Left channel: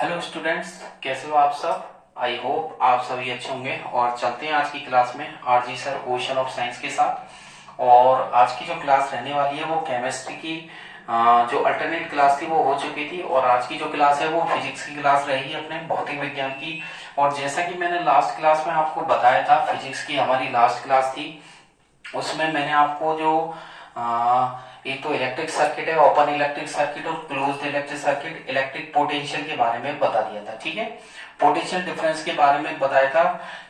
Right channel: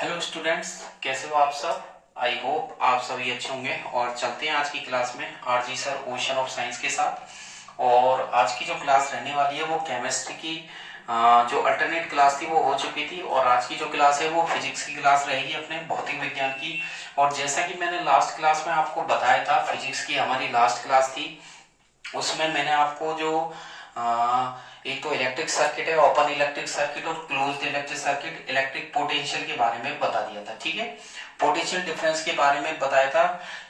Hello students, कैसे हो आप सब। आई होप आप सभी अच्छे होंगे। और चलते हैं आज की क्लास में RG sir ocean of science के साथ। और आज की जो क्लास रहने वाली है वो केमिस्ट्री की जो अल्टरनेट क्लास थी वो हो चुकी थी, और आज की जो क्लास है वो फिजिक्स की क्लास रहेगी अपने भौतिक विज्ञान की। और जैसा कि मैंने लास्ट क्लास में आपको बताया था, फिजिक्स की हमारी लास्ट क्लास थी, उसमें मैंने आपको जो एक तो इलेक्ट्रिक सर्किट है, ओपन इलेक्ट्रिक सर्किट और closed electric circuit, electric potential के बारे में बता दिया था। ठीक है, पोटेंशियल डिफरेंस के बारे में बताया था।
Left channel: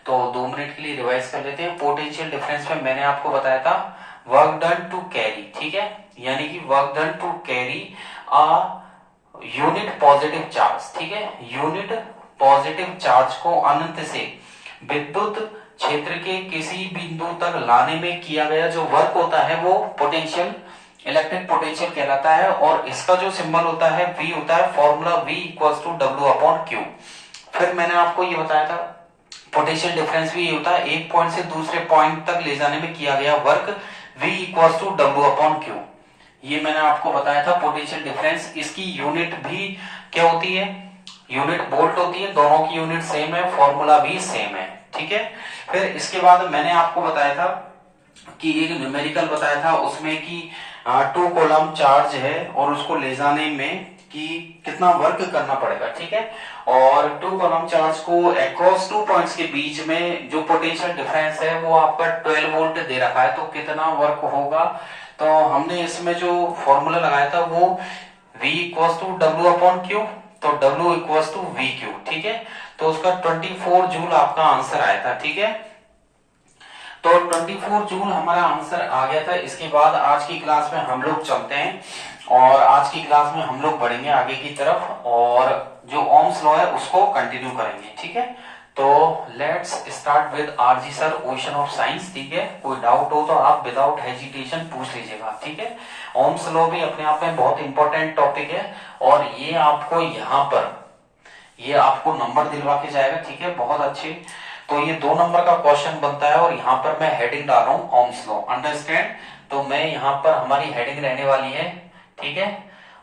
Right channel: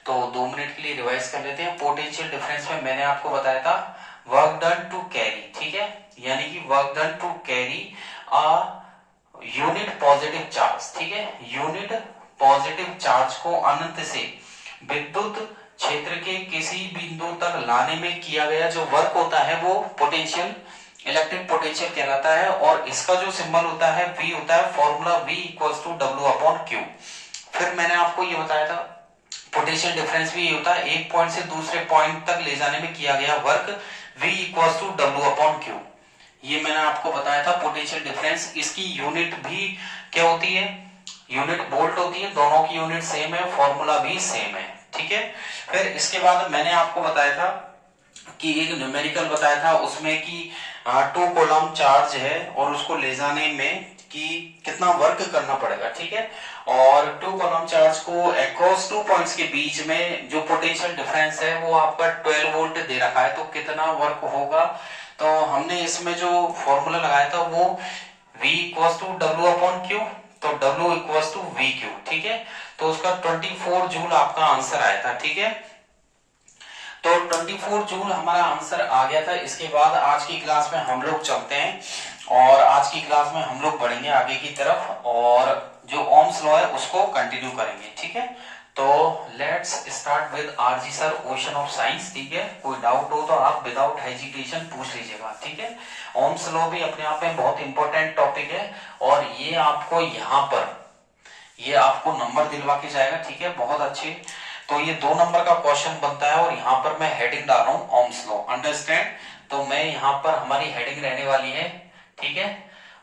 तो 2 मिनट के लिए रिवाइज कर लेते हैं। पोटेंशियल डिफरेंस में मैंने आपको बताया था वर्क डन टू कैरी, ठीक है, यानी कि work done to carry a unit positive charge, ठीक है, यूनिट पॉजिटिव चार्ज को अनंत से विद्युत क्षेत्र के किसी बिंदु तक लाने में किया गया जो वर्क होता है वो पोटेंशियल, इलेक्ट्रिक पोटेंशियल कहलाता है। और इसका जो सिंबल होता है V होता है, formula V equals to W/Q। फिर मैंने आपको ये बताया था पोटेंशियल डिफरेंस भी होता है, एक पॉइंट से दूसरे पॉइंट तक ले जाने में किया गया work V equals to W/Q। ये मैंने आपको बताया था पोटेंशियल डिफरेंस। इसकी यूनिट भी क्या होती है, यूनिट वोल्ट होती है, दोनों की यूनिट सेम है, फॉर्मूला भी सेम है। ठीक है, फिर इसके बाद मैंने आपको बताया था कि एक न्यूमेरिकल बताया था उसमें कि 2 कूलम चार्ज है और उसको ले जाने में कि कितना वर्क करना पड़ेगा। ठीक है, और 2 कूलम चार्ज को अक्रॉस 2 पॉइंट्स के बीच में जो पोटेंशियल डिफरेंस है वो आपका 12 वोल्ट दे रखा है, तो कितना वर्क होगा। तो हमने इसमें जो फॉर्मूला लगाया था वो V इक्वल्स टू W/Q, तो W इक्वल्स टू VQ। ठीक है, तो उसका 24 जूल आपका आंसर आया था। ठीक है, तो 24 जूल हमारा आंसर आ गया था। इसके बाद आज की क्लास में हम लोग चलते हैं, और आज की क्लास में हम लोग बढ़ेंगे आगे की तरफ और जो ओम्स लॉ है उसको कंटिन्यू करेंगे। ठीक है, तो let's start with RG sir ocean of science. ठीक है, कोई डाउट हो तो आप विदाउट हेजिटेशन पूछ लीजिएगा। ठीक है, ओम्स लॉ भी अपने आप में बहुत इंपॉर्टेंट टॉपिक है, और ये आपको यहाँ पर ये आपको नंबर दिलवा के जाएगा। ठीक है, बहुत अच्छे। तो ये 2 नंबर का क्वेश्चन बनता है, और यहाँ पर मैं हेडिंग डाल रहा हूँ ओम्स लॉ, अंडरस्टैंड। तो मैं यहाँ पर हमारी हेडिंग रहने वाली है, ठीक है,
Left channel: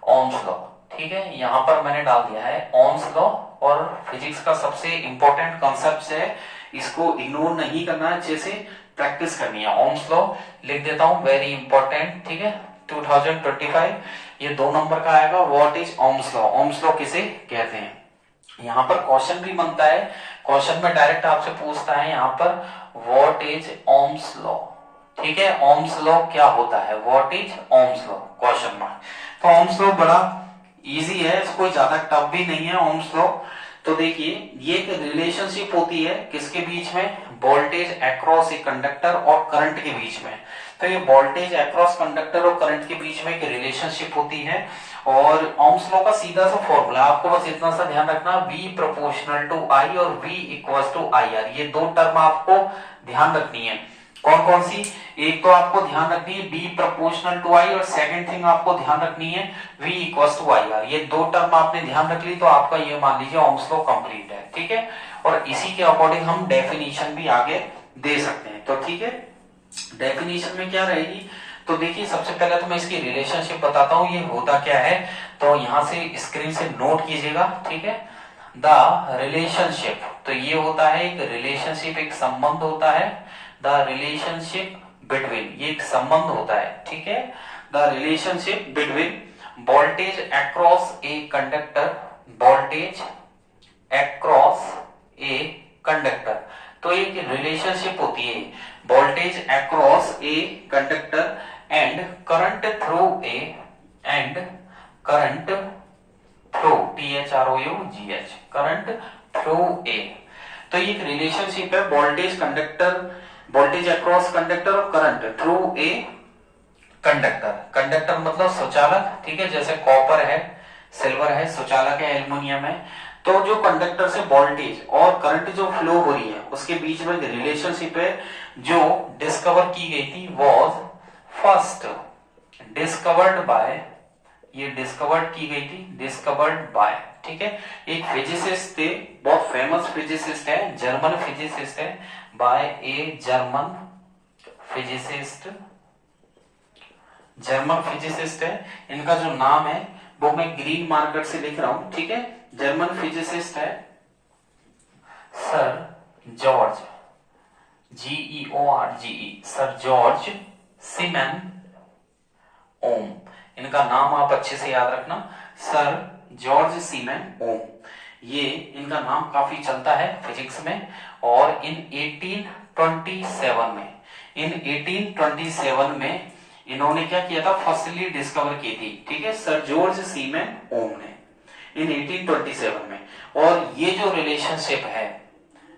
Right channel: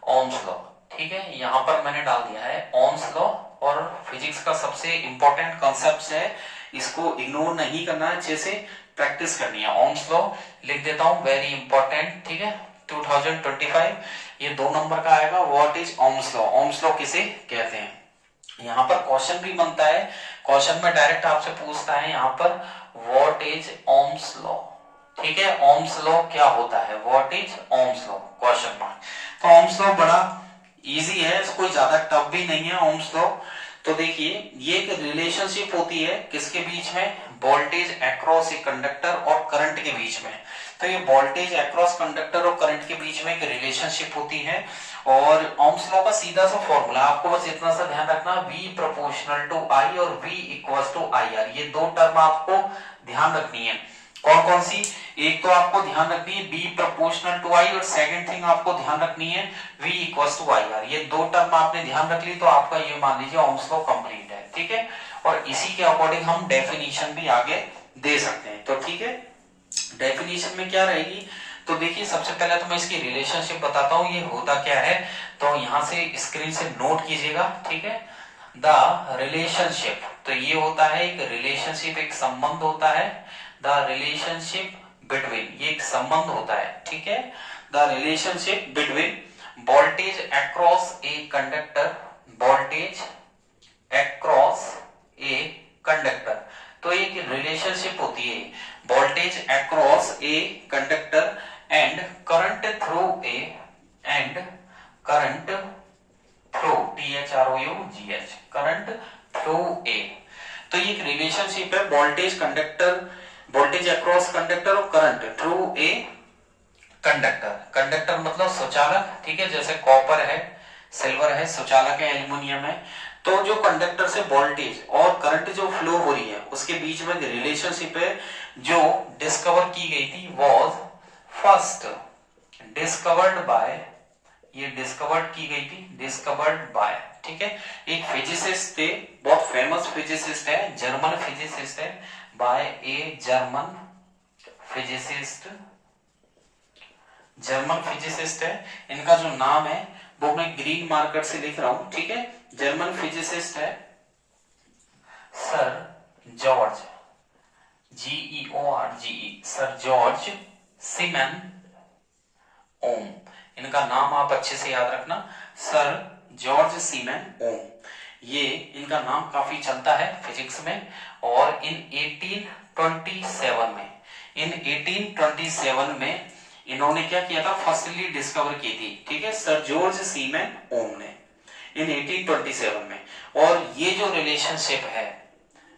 ओम्स लॉ। ठीक है, यहाँ पर मैंने डाल दिया है ओम्स लॉ। और फिजिक्स का सबसे इंपॉर्टेंट कॉन्सेप्ट है, इसको इग्नोर नहीं करना है, अच्छे से प्रैक्टिस करनी है। ओम्स लॉ लिख देता हूँ, वेरी इंपॉर्टेंट। ठीक है, 2025 ये 2 नंबर का आएगा, what is Ohm's law, Ohm's law किसे कहते हैं। यहाँ पर क्वेश्चन भी बनता है, क्वेश्चन में डायरेक्ट आपसे पूछता है यहाँ पर व्हाट इज ओम्स लॉ। ठीक है, ओम्स लॉ क्या होता है, what is Ohm's law, question mark. तो ओम्स लॉ बड़ा इजी है, कोई ज्यादा टफ भी नहीं है ओम्स लॉ। तो देखिए, ये एक रिलेशनशिप होती है किसके बीच में, वोल्टेज अक्रॉस ए कंडक्टर और करंट के बीच में। तो ये वोल्टेज अक्रॉस कंडक्टर और करंट के बीच में एक रिलेशनशिप होती है। और ओम्स लॉ का सीधा सा फॉर्मूला आपको बस इतना सा ध्यान रखना, V प्रोपोर्शनल टू I और V इक्वल्स टू IR, ये 2 टर्म आपको ध्यान रखनी है। कौन कौन सी, एक तो आपको ध्यान रखनी है V प्रोपोर्शनल टू I, और सेकंड थिंग आपको ध्यान रखनी है V इक्वल्स टू IR। ये 2 टर्म आपने ध्यान रख ली तो आपका ये मान लीजिए ओम्स लॉ कंप्लीट है। ठीक है, और इसी के अकॉर्डिंग हम डेफिनेशन भी आगे दे सकते हैं। तो ठीक है, डेफिनेशन में क्या रहेगी, तो देखिए सबसे पहले तो मैं इसकी रिलेशनशिप बताता हूँ ये होता क्या है। तो यहां से स्क्रीन से नोट कीजिएगा। ठीक है, द रिलेशनशिप, तो ये होता है एक रिलेशनशिप, एक संबंध होता है, द रिलेशनशिप बिटवीन, ये एक संबंध होता है। ठीक है, the relationship between voltage across a conductor, voltage across a conductor. तो एक रिलेशनशिप होती है voltage across a conductor and current through a, and current through THROUGH, current through a. तो ये एक रिलेशनशिप है voltage conductor, voltage across conductor और current through a conductor. Conductor मतलब सुचालक, ठीक है, जैसे कॉपर है, सिल्वर है, सुचालक है, एल्युमिनियम है। तो जो कंडक्टर से वोल्टेज और करंट जो फ्लो हो रही है उसके बीच में रिलेशनशिप है जो डिस्कवर की गई थी, वॉज फर्स्ट डिस्कवर्ड बाय, ये डिस्कवर्ड की गई थी, डिस्कवर्ड बाय, ठीक है, एक फिजिसिस्ट थे, बहुत फेमस फिजिसिस्ट है, जर्मन फिजिसिस्ट है, by a German physicist, German physicist है। इनका जो नाम है वो मैं ग्रीन मार्कर से लिख रहा हूं, ठीक है। जर्मन फिजिसिस्ट है sir George, GEORGE, sir George Simon Ohm. इनका नाम आप अच्छे से याद रखना, सर जॉर्ज सीमेन ओम। ये इनका नाम काफी चलता है फिजिक्स में। और इन 1827 में इन्होंने क्या किया था, फर्स्टली डिस्कवर की थी, ठीक है, सर जॉर्ज सीमेन ओम ने इन 1827 में। और ये जो रिलेशनशिप है,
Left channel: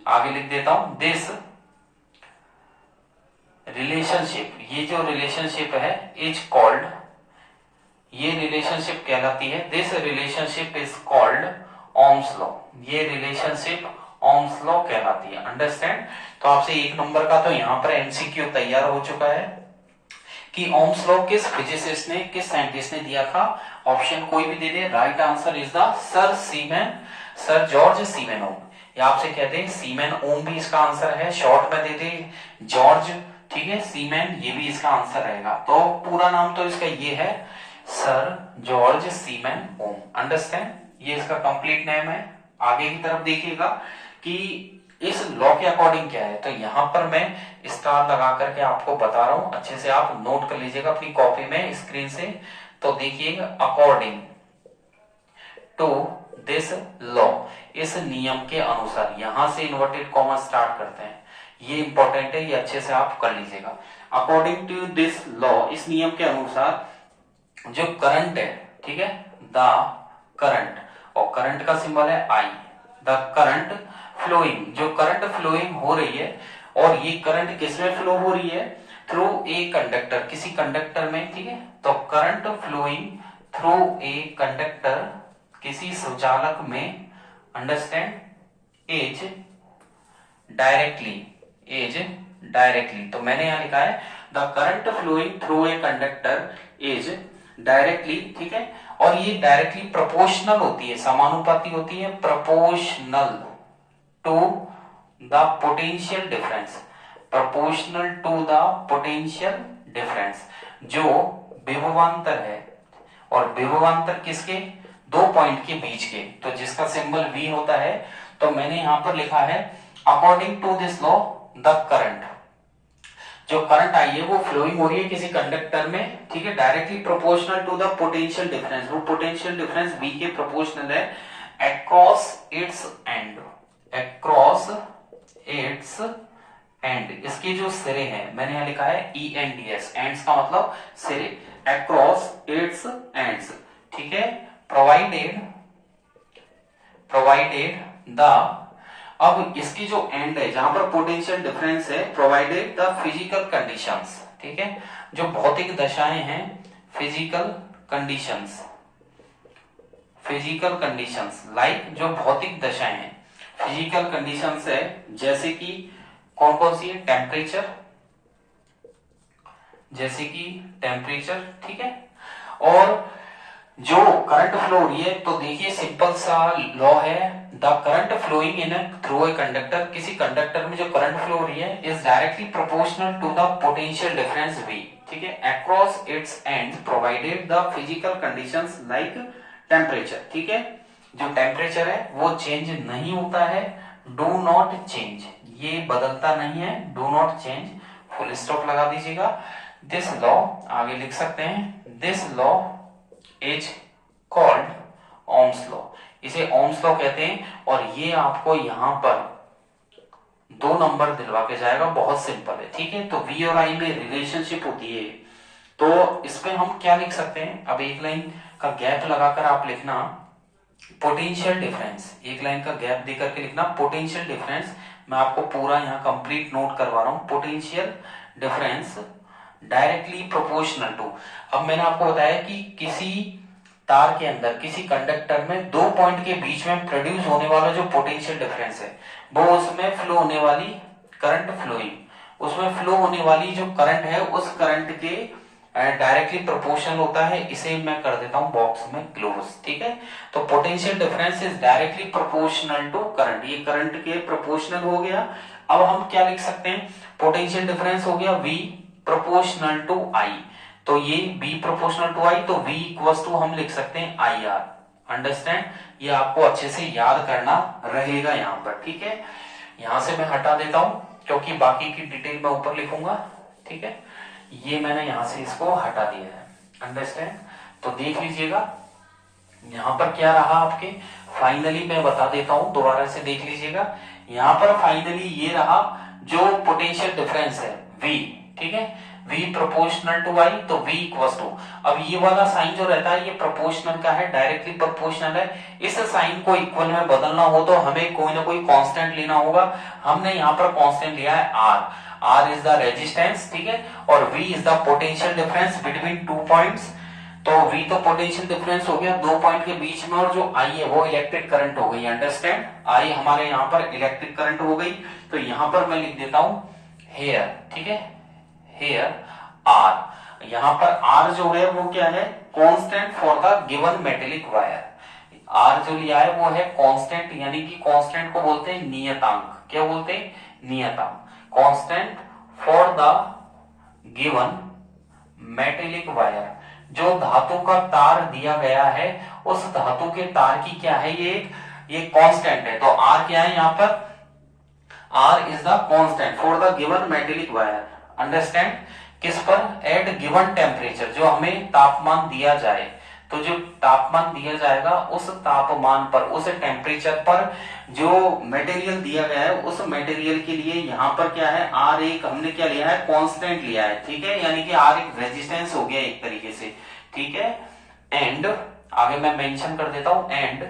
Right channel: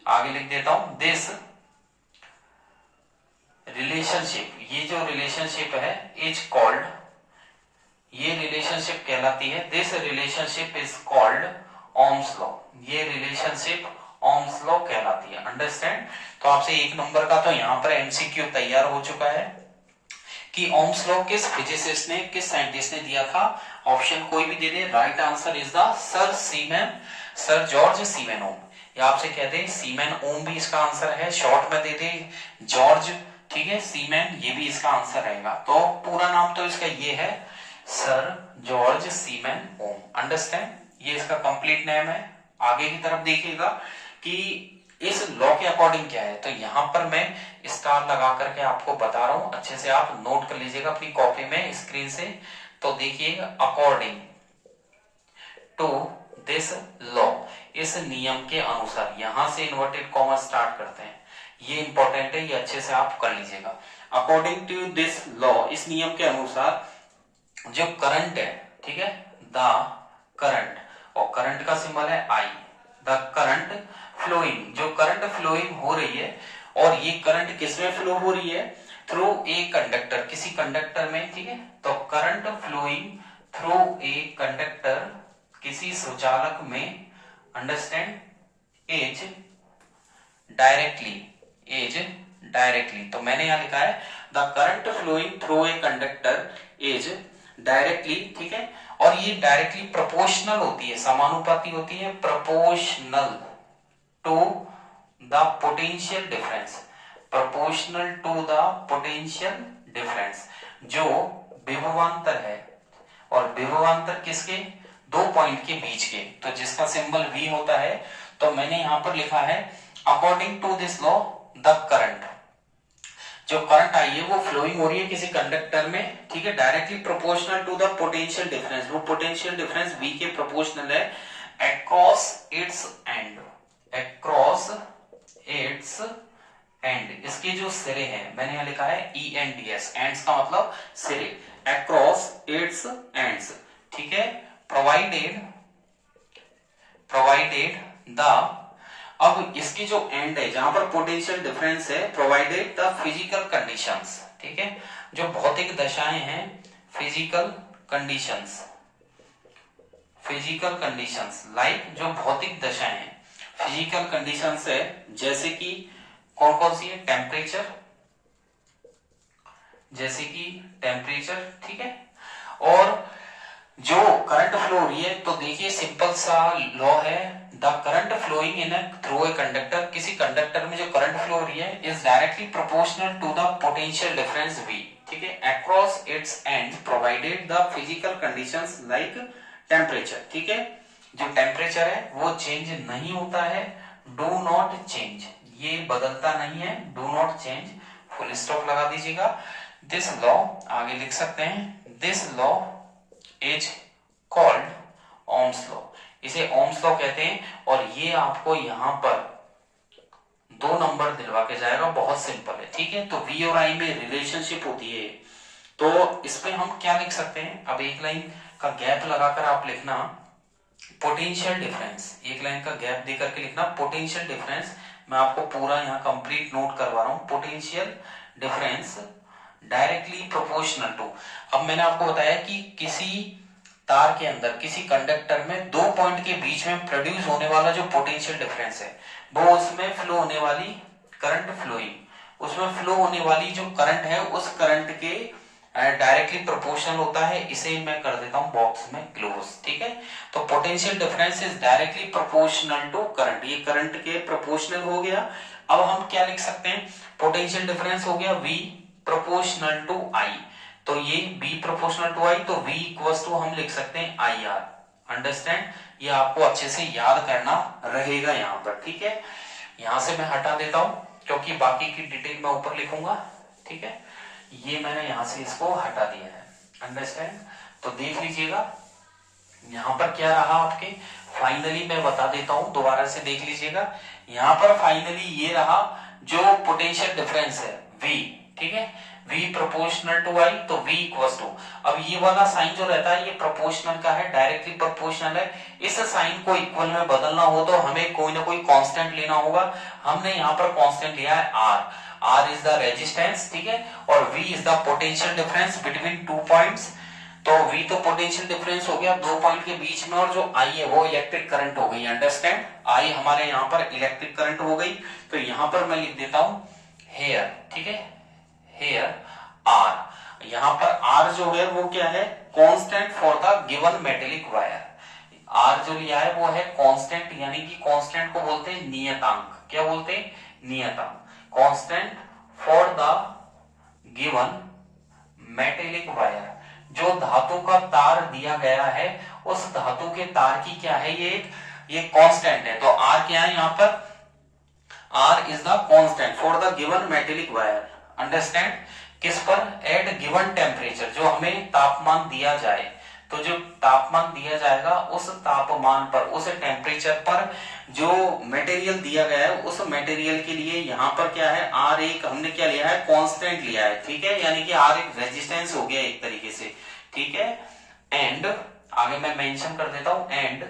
आगे लिख देता हूं, दिस रिलेशनशिप, ये जो रिलेशनशिप है इज कॉल्ड, ये रिलेशनशिप कहलाती है, this relationship is called Ohm's law. ये रिलेशनशिप ओम्स लॉ कहलाती है। अंडरस्टैंड। तो आपसे 1 नंबर का तो यहां पर एमसीक्यू तैयार हो चुका है कि ओम्स लॉ किस फिजिसिस्ट ने, किस साइंटिस्ट ने दिया था। ऑप्शन कोई भी दे दे, right answer is the sir George Simon Ohm. या आपसे कहते हैं सीमेन ओम भी इसका आंसर है, शॉर्ट में दे दे जॉर्ज, ठीक है, सीमेन, ये भी इसका आंसर रहेगा। तो पूरा नाम तो इसका ये है, सर जॉर्ज सीमेन ओम। अंडरस्टैंड, ये इसका कंप्लीट नेम है। आगे की तरफ देखिएगा कि इस लॉ के अकॉर्डिंग क्या है। तो यहां पर मैं स्टार लगा करके आपको बता रहा हूं, अच्छे से आप नोट कर लीजिएगा अपनी कॉपी में, स्क्रीन से। तो देखिएगा, अकॉर्डिंग टू दिस लॉ, इस नियम के अनुसार, यहां से इन्वर्टेड कॉमा स्टार्ट करते हैं, ये इंपॉर्टेंट है, ये अच्छे से आप कर लीजिएगा। अकॉर्डिंग टू दिस लॉ, इस नियम के अनुसार जो करंट है, ठीक है, द करंट, और करंट का सिंबल है आई, द करंट फ्लोइंग, जो करंट फ्लोइंग हो रही है, और ये करंट किसमें फ्लो हो रही है, थ्रू ए कंडक्टर, किसी कंडक्टर में, ठीक है। तो current flowing through a conductor, किसी सुचालक में, अंडरस्टैंड, इज डायरेक्टली, तो मैंने यहां लिखा है the current flowing through a conductor is directly, ठीक है। और ये डायरेक्टली प्रोपोर्शनल होती है, समानुपाती होती है, proportional to the potential difference, proportional to the potential difference, जो विभवांतर है। और विभवांतर किसके, 2 पॉइंट के बीच के, तो जिसका सिंबल V होता है। तो मैंने यहां पर लिखा है according to this law the current, जो करंट आई है वो फ्लोइंग हो रही है किसी कंडक्टर में, ठीक है, directly proportional to the potential difference, वो पोटेंशियल डिफरेंस V के प्रोपोर्शनल है, across its end, across its end, इसके जो सिरे हैं, मैंने यहां लिखा है ENDS, एंड्स का मतलब सिरे, अक्रॉस इट्स एंड्स, ठीक है, प्रोवाइडेड द, अब इसकी जो एंड है जहां पर पोटेंशियल डिफरेंस है, प्रोवाइडेड द फिजिकल कंडीशंस, ठीक है, जो भौतिक दशाएं हैं, फिजिकल कंडीशंस लाइक, जो भौतिक दशाएं हैं, फिजिकल कंडीशंस है, जैसे कि कौन कौन सी है, टेम्परेचर, ठीक है। और जो करंट फ्लो हो रही है, तो देखिए सिंपल सा लॉ है, the current flowing in through a conductor, किसी कंडक्टर में जो करंट फ्लो हो रही है is directly proportional to the potential difference V, ठीक है, across its end, provided the physical conditions like temperature, ठीक है, जो टेम्परेचर है वो चेंज नहीं होता है, डू नॉट चेंज, ये बदलता नहीं है, do not change, full stop लगा दीजिएगा। दिस लॉ, आगे लिख सकते हैं, this law is called Ohm's law, इसे ओम्स लॉ कहते हैं। और ये आपको यहां पर 2 नंबर दिलवा के जाएगा, बहुत सिंपल है, ठीक है। तो V और I में रिलेशनशिप होती है, तो इसमें हम क्या लिख सकते हैं, अब एक लाइन का गैप लगाकर आप लिखना पोटेंशियल डिफरेंस, एक लाइन का गैप देकर के लिखना पोटेंशियल डिफरेंस, मैं आपको पूरा यहाँ कंप्लीट नोट करवा रहा हूं, potential difference directly proportional to. अब मैंने आपको बताया कि किसी तार के अंदर, किसी कंडक्टर में 2 पॉइंट के बीच में प्रोड्यूस होने वाला जो पोटेंशियल डिफरेंस है, वो उसमें फ्लो होने वाली करंट फ्लोइंग, उसमें फ्लो होने वाली जो करंट है, उस करंट के डायरेक्टली प्रोपोर्शनल होता है। इसे मैं कर देता हूं बॉक्स में क्लोज, ठीक है। तो potential difference is directly proportional to current, ये करंट के प्रोपोर्शनल हो गया। अब हम क्या लिख सकते हैं, पोटेंशियल डिफरेंस हो गया V प्रोपोर्शनल टू I, तो ये B प्रोपोर्शनल टू I, तो V इक्वल्स टू हम लिख सकते हैं IR। अंडरस्टैंड? ये आपको अच्छे से याद करना रहेगा यहाँ पर, ठीक है। यहां से मैं हटा देता हूं क्योंकि बाकी की डिटेल मैं ऊपर लिखूंगा, ठीक है। ये मैंने यहां से इसको हटा दिया है। अंडरस्टैंड? तो देख लीजिएगा यहां पर क्या रहा आपके, फाइनली मैं बता देता हूं, दोबारा से देख लीजिएगा। यहां पर फाइनली ये रहा जो पोटेंशियल डिफरेंस है V, ठीक है। V प्रोपोर्शनल टू I, तो V इक्वल्स टू, अब ये वाला साइन जो रहता है ये प्रोपोर्शनल का है, डायरेक्टली प्रोपोर्शनल है। इस साइन को इक्वल में बदलना हो तो हमें कोई ना कोई कांस्टेंट लेना होगा। हमने यहाँ पर कांस्टेंट लिया है R इज द रेजिस्टेंस, ठीक है, और V is the potential difference between two points. तो V तो पोटेंशियल डिफरेंस हो गया दो पॉइंट के बीच में, और जो I है वो इलेक्ट्रिक करंट हो गई। अंडरस्टैंड? I हमारे यहाँ पर इलेक्ट्रिक करंट हो गई। तो यहाँ पर मैं लिख देता हूं हेयर, ठीक है, हेयर R। यहाँ पर R जो है वो क्या है, constant for the given metallic wire. R जो लिया है वो है कांस्टेंट, यानी कि कांस्टेंट को बोलते हैं नियतांक। क्या बोलते हैं? नियतांक। Constant for the given metallic wire, जो धातु का तार दिया गया है उस धातु के तार की क्या है, ये कांस्टेंट है। तो R क्या है यहाँ पर, R is the constant for the given metallic wire. Understand? किस पर? एट गिवन टेम्परेचर, जो हमें तापमान दिया जाए, तो जो तापमान दिया जाएगा उस तापमान पर, उस टेम्परेचर पर जो मटेरियल दिया गया है उस मटेरियल के लिए यहाँ पर क्या है, R एक हमने क्या लिया है, कांस्टेंट लिया है, ठीक है, यानी कि R एक रेजिस्टेंस हो गया एक तरीके से, ठीक है। एंड आगे मैं मेंशन कर देता हूं, एंड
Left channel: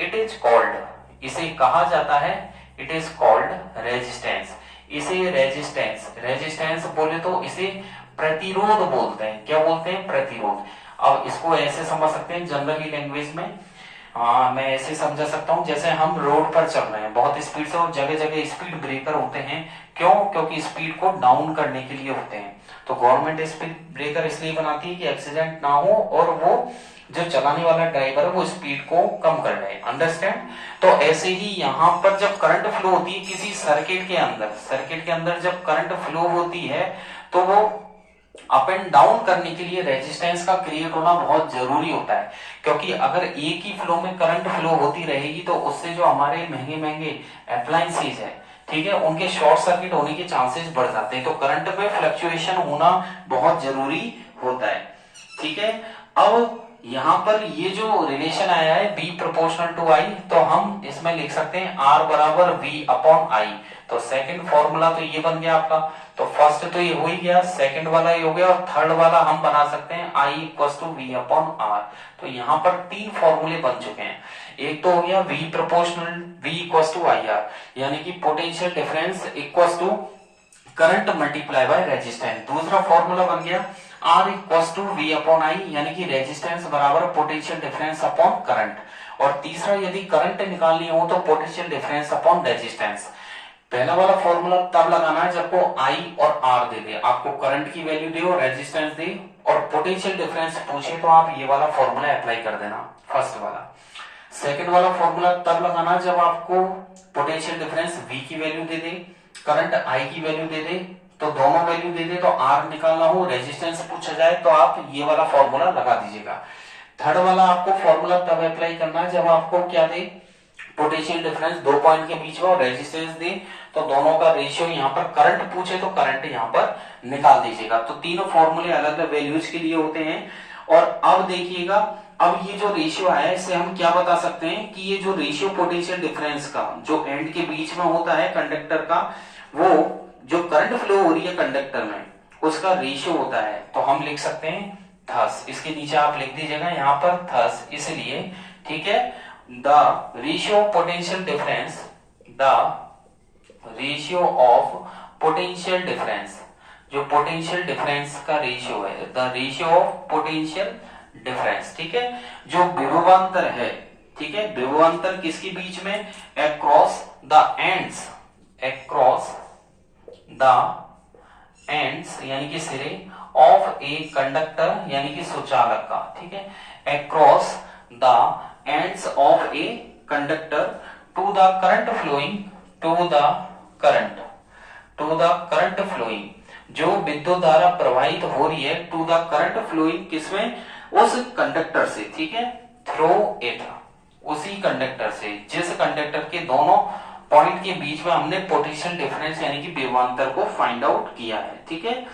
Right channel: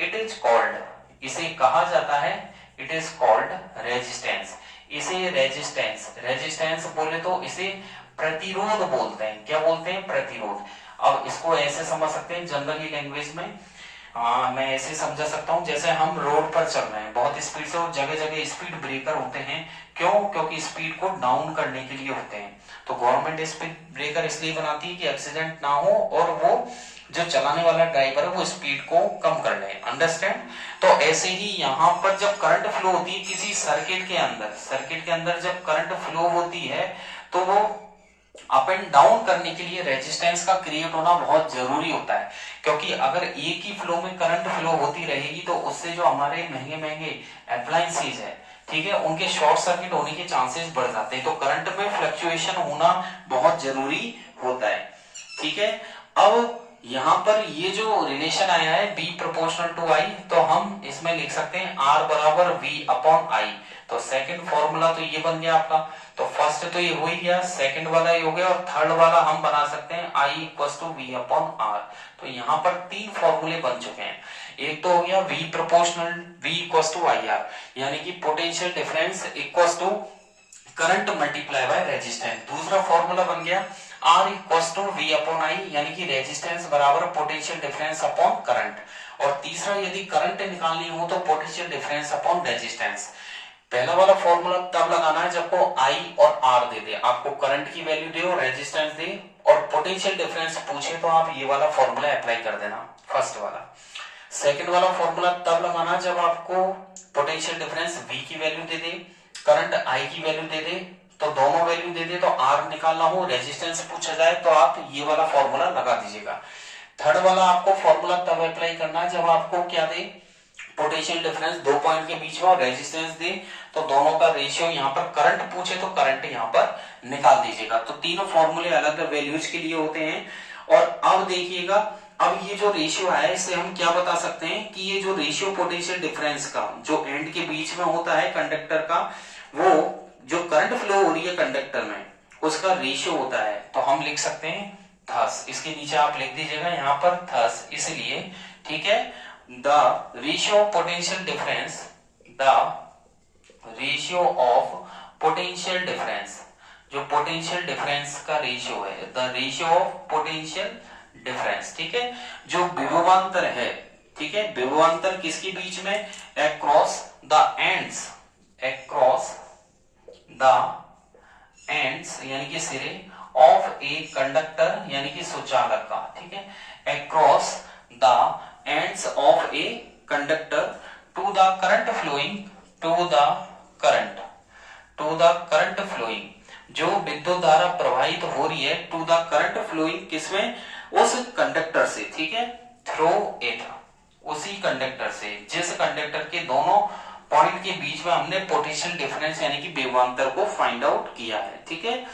इट इज कॉल्ड, इसे कहा जाता है, इट इज कॉल्ड रेजिस्टेंस। इसे रेजिस्टेंस बोले तो इसे प्रतिरोध बोलते हैं। क्या बोलते हैं? प्रतिरोध। अब इसको ऐसे समझ सकते हैं जनरली लैंग्वेज में, मैं ऐसे समझा सकता हूं जैसे हम रोड पर चल रहे हैं बहुत स्पीड से और जगह जगह स्पीड ब्रेकर होते हैं। क्यों? क्योंकि स्पीड को डाउन करने के लिए होते हैं। तो गवर्नमेंट स्पीड ब्रेकर इसलिए बनाती है कि एक्सीडेंट ना हो और वो जो चलाने वाला ड्राइवर है वो स्पीड को कम कर ले। अंडरस्टैंड? तो ऐसे ही यहाँ पर जब करंट फ्लो होती है किसी सर्किट के अंदर जब करंट फ्लो होती है तो वो अप एंड डाउन करने के लिए रेजिस्टेंस का क्रिएट होना बहुत जरूरी होता है। क्योंकि अगर एक ही फ्लो में करंट फ्लो होती रहेगी तो उससे जो हमारे महंगे महंगे अप्लायंसेज है, ठीक है, उनके शॉर्ट सर्किट होने के चांसेस बढ़ जाते हैं। तो करंट में फ्लक्चुएशन होना बहुत जरूरी होता है, ठीक है। अब यहाँ पर ये जो रिलेशन आया है B प्रोपोर्शनल टू I, तो हम इसमें लिख सकते हैं R बराबर V अपॉन I। तो सेकंड फॉर्मूला तो ये बन गया आपका। तो फर्स्ट तो ये हो ही गया, सेकंड वाला ये हो गया, और थर्ड वाला हम बना सकते हैं I equals to V upon R। तो यहाँ पर तीन फॉर्मूले बन चुके हैं। एक तो हो गया V proportional V equals to IR, यानी कि potential difference equals to current multiply by resistance. दूसरा फॉर्मूला बन गया R equals to V upon I, यानी कि रेजिस्टेंस बराबर पोटेंशियल डिफरेंस अपॉन करंट। और तीसरा यदि करंट निकालनी हो तो पोटेंशियल डिफरेंस अपॉन रेजिस्टेंस। पहला वाला फॉर्मूला तब लगाना है जब को I और R दे दे, आपको करंट की वैल्यू दे और रेजिस्टेंस दे और पोटेंशियल डिफरेंस पूछे तो आप ये वाला फॉर्मूला अप्लाई कर देना, फर्स्ट वाला। सेकंड वाला फॉर्मूला तब लगाना जब आपको पोटेंशियल डिफरेंस V की value they they, current I की वैल्यू दे दे, तो दोनों वैल्यू दे दे तो R निकालना हो, रेजिस्टेंस पूछा जाए तो आप ये वाला फॉर्मूला लगा दीजिएगा। थर्ड वाला आपको फॉर्मूला तब अप्लाई करना है जब आपको क्या दे, पोटेंशियल डिफरेंस दो पॉइंट के बीच में और रेजिस्टेंस दे, तो दोनों का रेशियो यहाँ पर करंट पूछे तो करंट यहाँ पर निकाल दीजिएगा। तो तीनों फॉर्मूले अलग अलग वैल्यूज के लिए होते हैं। और अब देखिएगा, अब ये जो रेशियो है इससे हम क्या बता सकते हैं कि ये जो रेशियो पोटेंशियल डिफरेंस का जो एंड के बीच में होता है कंडक्टर का, वो जो करंट फ्लो हो रही है कंडक्टर में उसका रेशियो होता है। तो हम लिख सकते हैं थस, इसके नीचे आप लिख दीजिएगा यहाँ पर थस, इसलिए, ठीक है, the ratio of potential difference, the ratio of potential difference, जो पोटेंशियल डिफरेंस का रेशियो है, the ratio of potential difference, ठीक है, जो विभवांतर है, ठीक है, विभवांतर किसके बीच में, across the ends, across the ends यानी कि सिरे of a conductor यानी कि सुचालक का, ठीक है, across the ends of a conductor to the current flowing जो विद्युत धारा प्रवाहित हो रही है टू द करंट फ्लोइंग किसमें, उस कंडक्टर से, ठीक है, थ्रू इट, उसी कंडक्टर से जिस कंडक्टर के दोनों पॉइंट के बीच में हमने पोटेंशियल डिफरेंस यानी कि विभवांतर को फाइंड आउट किया है, ठीक है।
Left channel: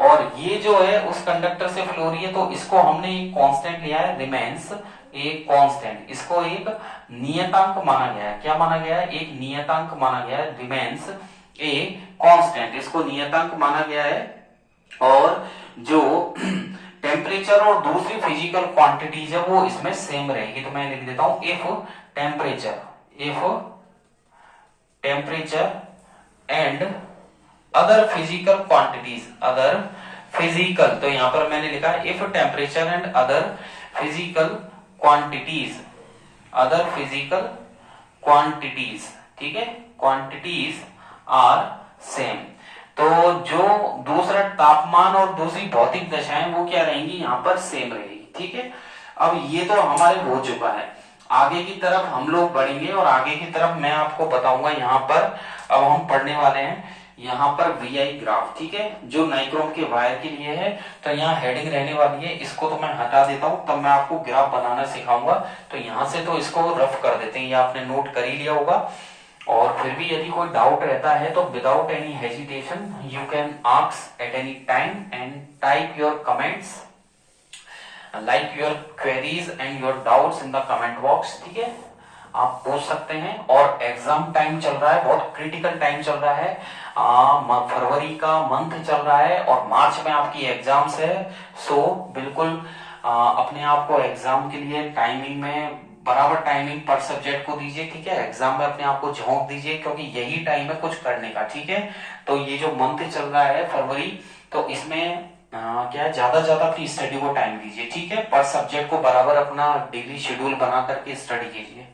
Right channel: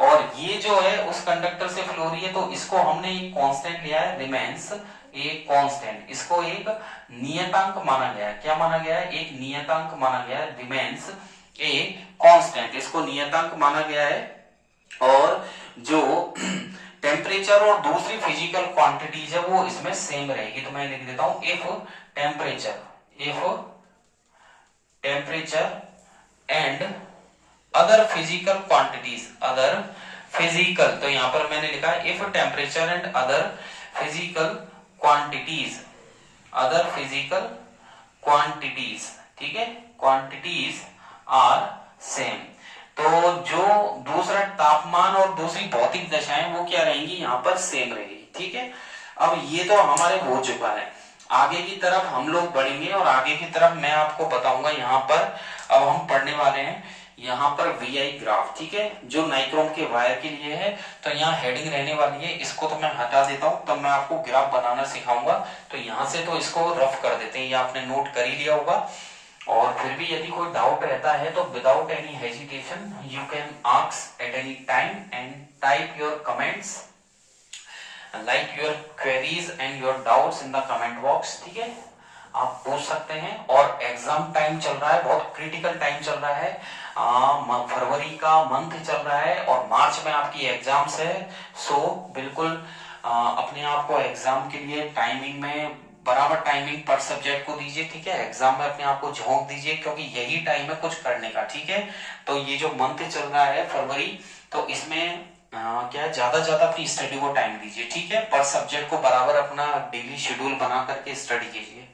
और ये जो है उस कंडक्टर से फ्लो रही है, तो इसको हमने एक कांस्टेंट लिया है, रिमेन्स एक कांस्टेंट, इसको एक नियतांक माना गया है। क्या माना गया है, एक नियतांक माना गया है, रिमेन्स ए कांस्टेंट, इसको नियतांक माना गया है। और जो टेम्परेचर और दूसरी फिजिकल क्वांटिटीज है वो इसमें सेम रहेगी। तो मैं लिख देता हूं if temperature and other physical quantities, other physical, तो यहां पर मैंने लिखा है if temperature and other physical quantities, other physical quantities, ठीक है, क्वांटिटीज आर सेम। तो जो दूसरा तापमान और दूसरी भौतिक दशाएं वो क्या रहेंगी, यहां पर सेम रहेगी, ठीक है। अब ये तो हमारे हो चुका है, आगे की तरफ हम लोग बढ़ेंगे और आगे की तरफ मैं आपको बताऊंगा। यहाँ पर अब हम पढ़ने वाले हैं यहाँ पर वीआई ग्राफ, ठीक है, जो नाइक्रोम के वायर के लिए है। तो यहाँ हेडिंग रहने वाली है, इसको तो मैं हटा देता हूं, तब मैं आपको ग्राफ बनाना सिखाऊंगा। तो यहाँ से तो इसको रफ कर देते हैं, ये आपने नोट कर ही लिया होगा। और फिर भी यदि कोई डाउट रहता है तो without any hesitation you can ask at any time and type your comments, like your queries and your doubts in the comment box, ठीक है, आप पूछ सकते हैं। और एग्जाम टाइम चल रहा है, बहुत क्रिटिकल टाइम चल रहा है, फरवरी का मंथ चल रहा है और मार्च में आपकी एग्जाम्स है। सो बिल्कुल अपने आप को एग्जाम के लिए टाइमिंग में बराबर टाइमिंग पर सब्जेक्ट को दीजिए, ठीक है, एग्जाम में अपने आप को झोंक दीजिए, क्योंकि यही टाइम है कुछ करने का, ठीक है। तो ये जो मंथ चल रहा है फरवरी, तो इसमें क्या ज्यादा अपनी स्टडी को टाइम दीजिए, ठीक है, पर सब्जेक्ट को बराबर अपना डेली शेड्यूल बना करके स्टडी कीजिए,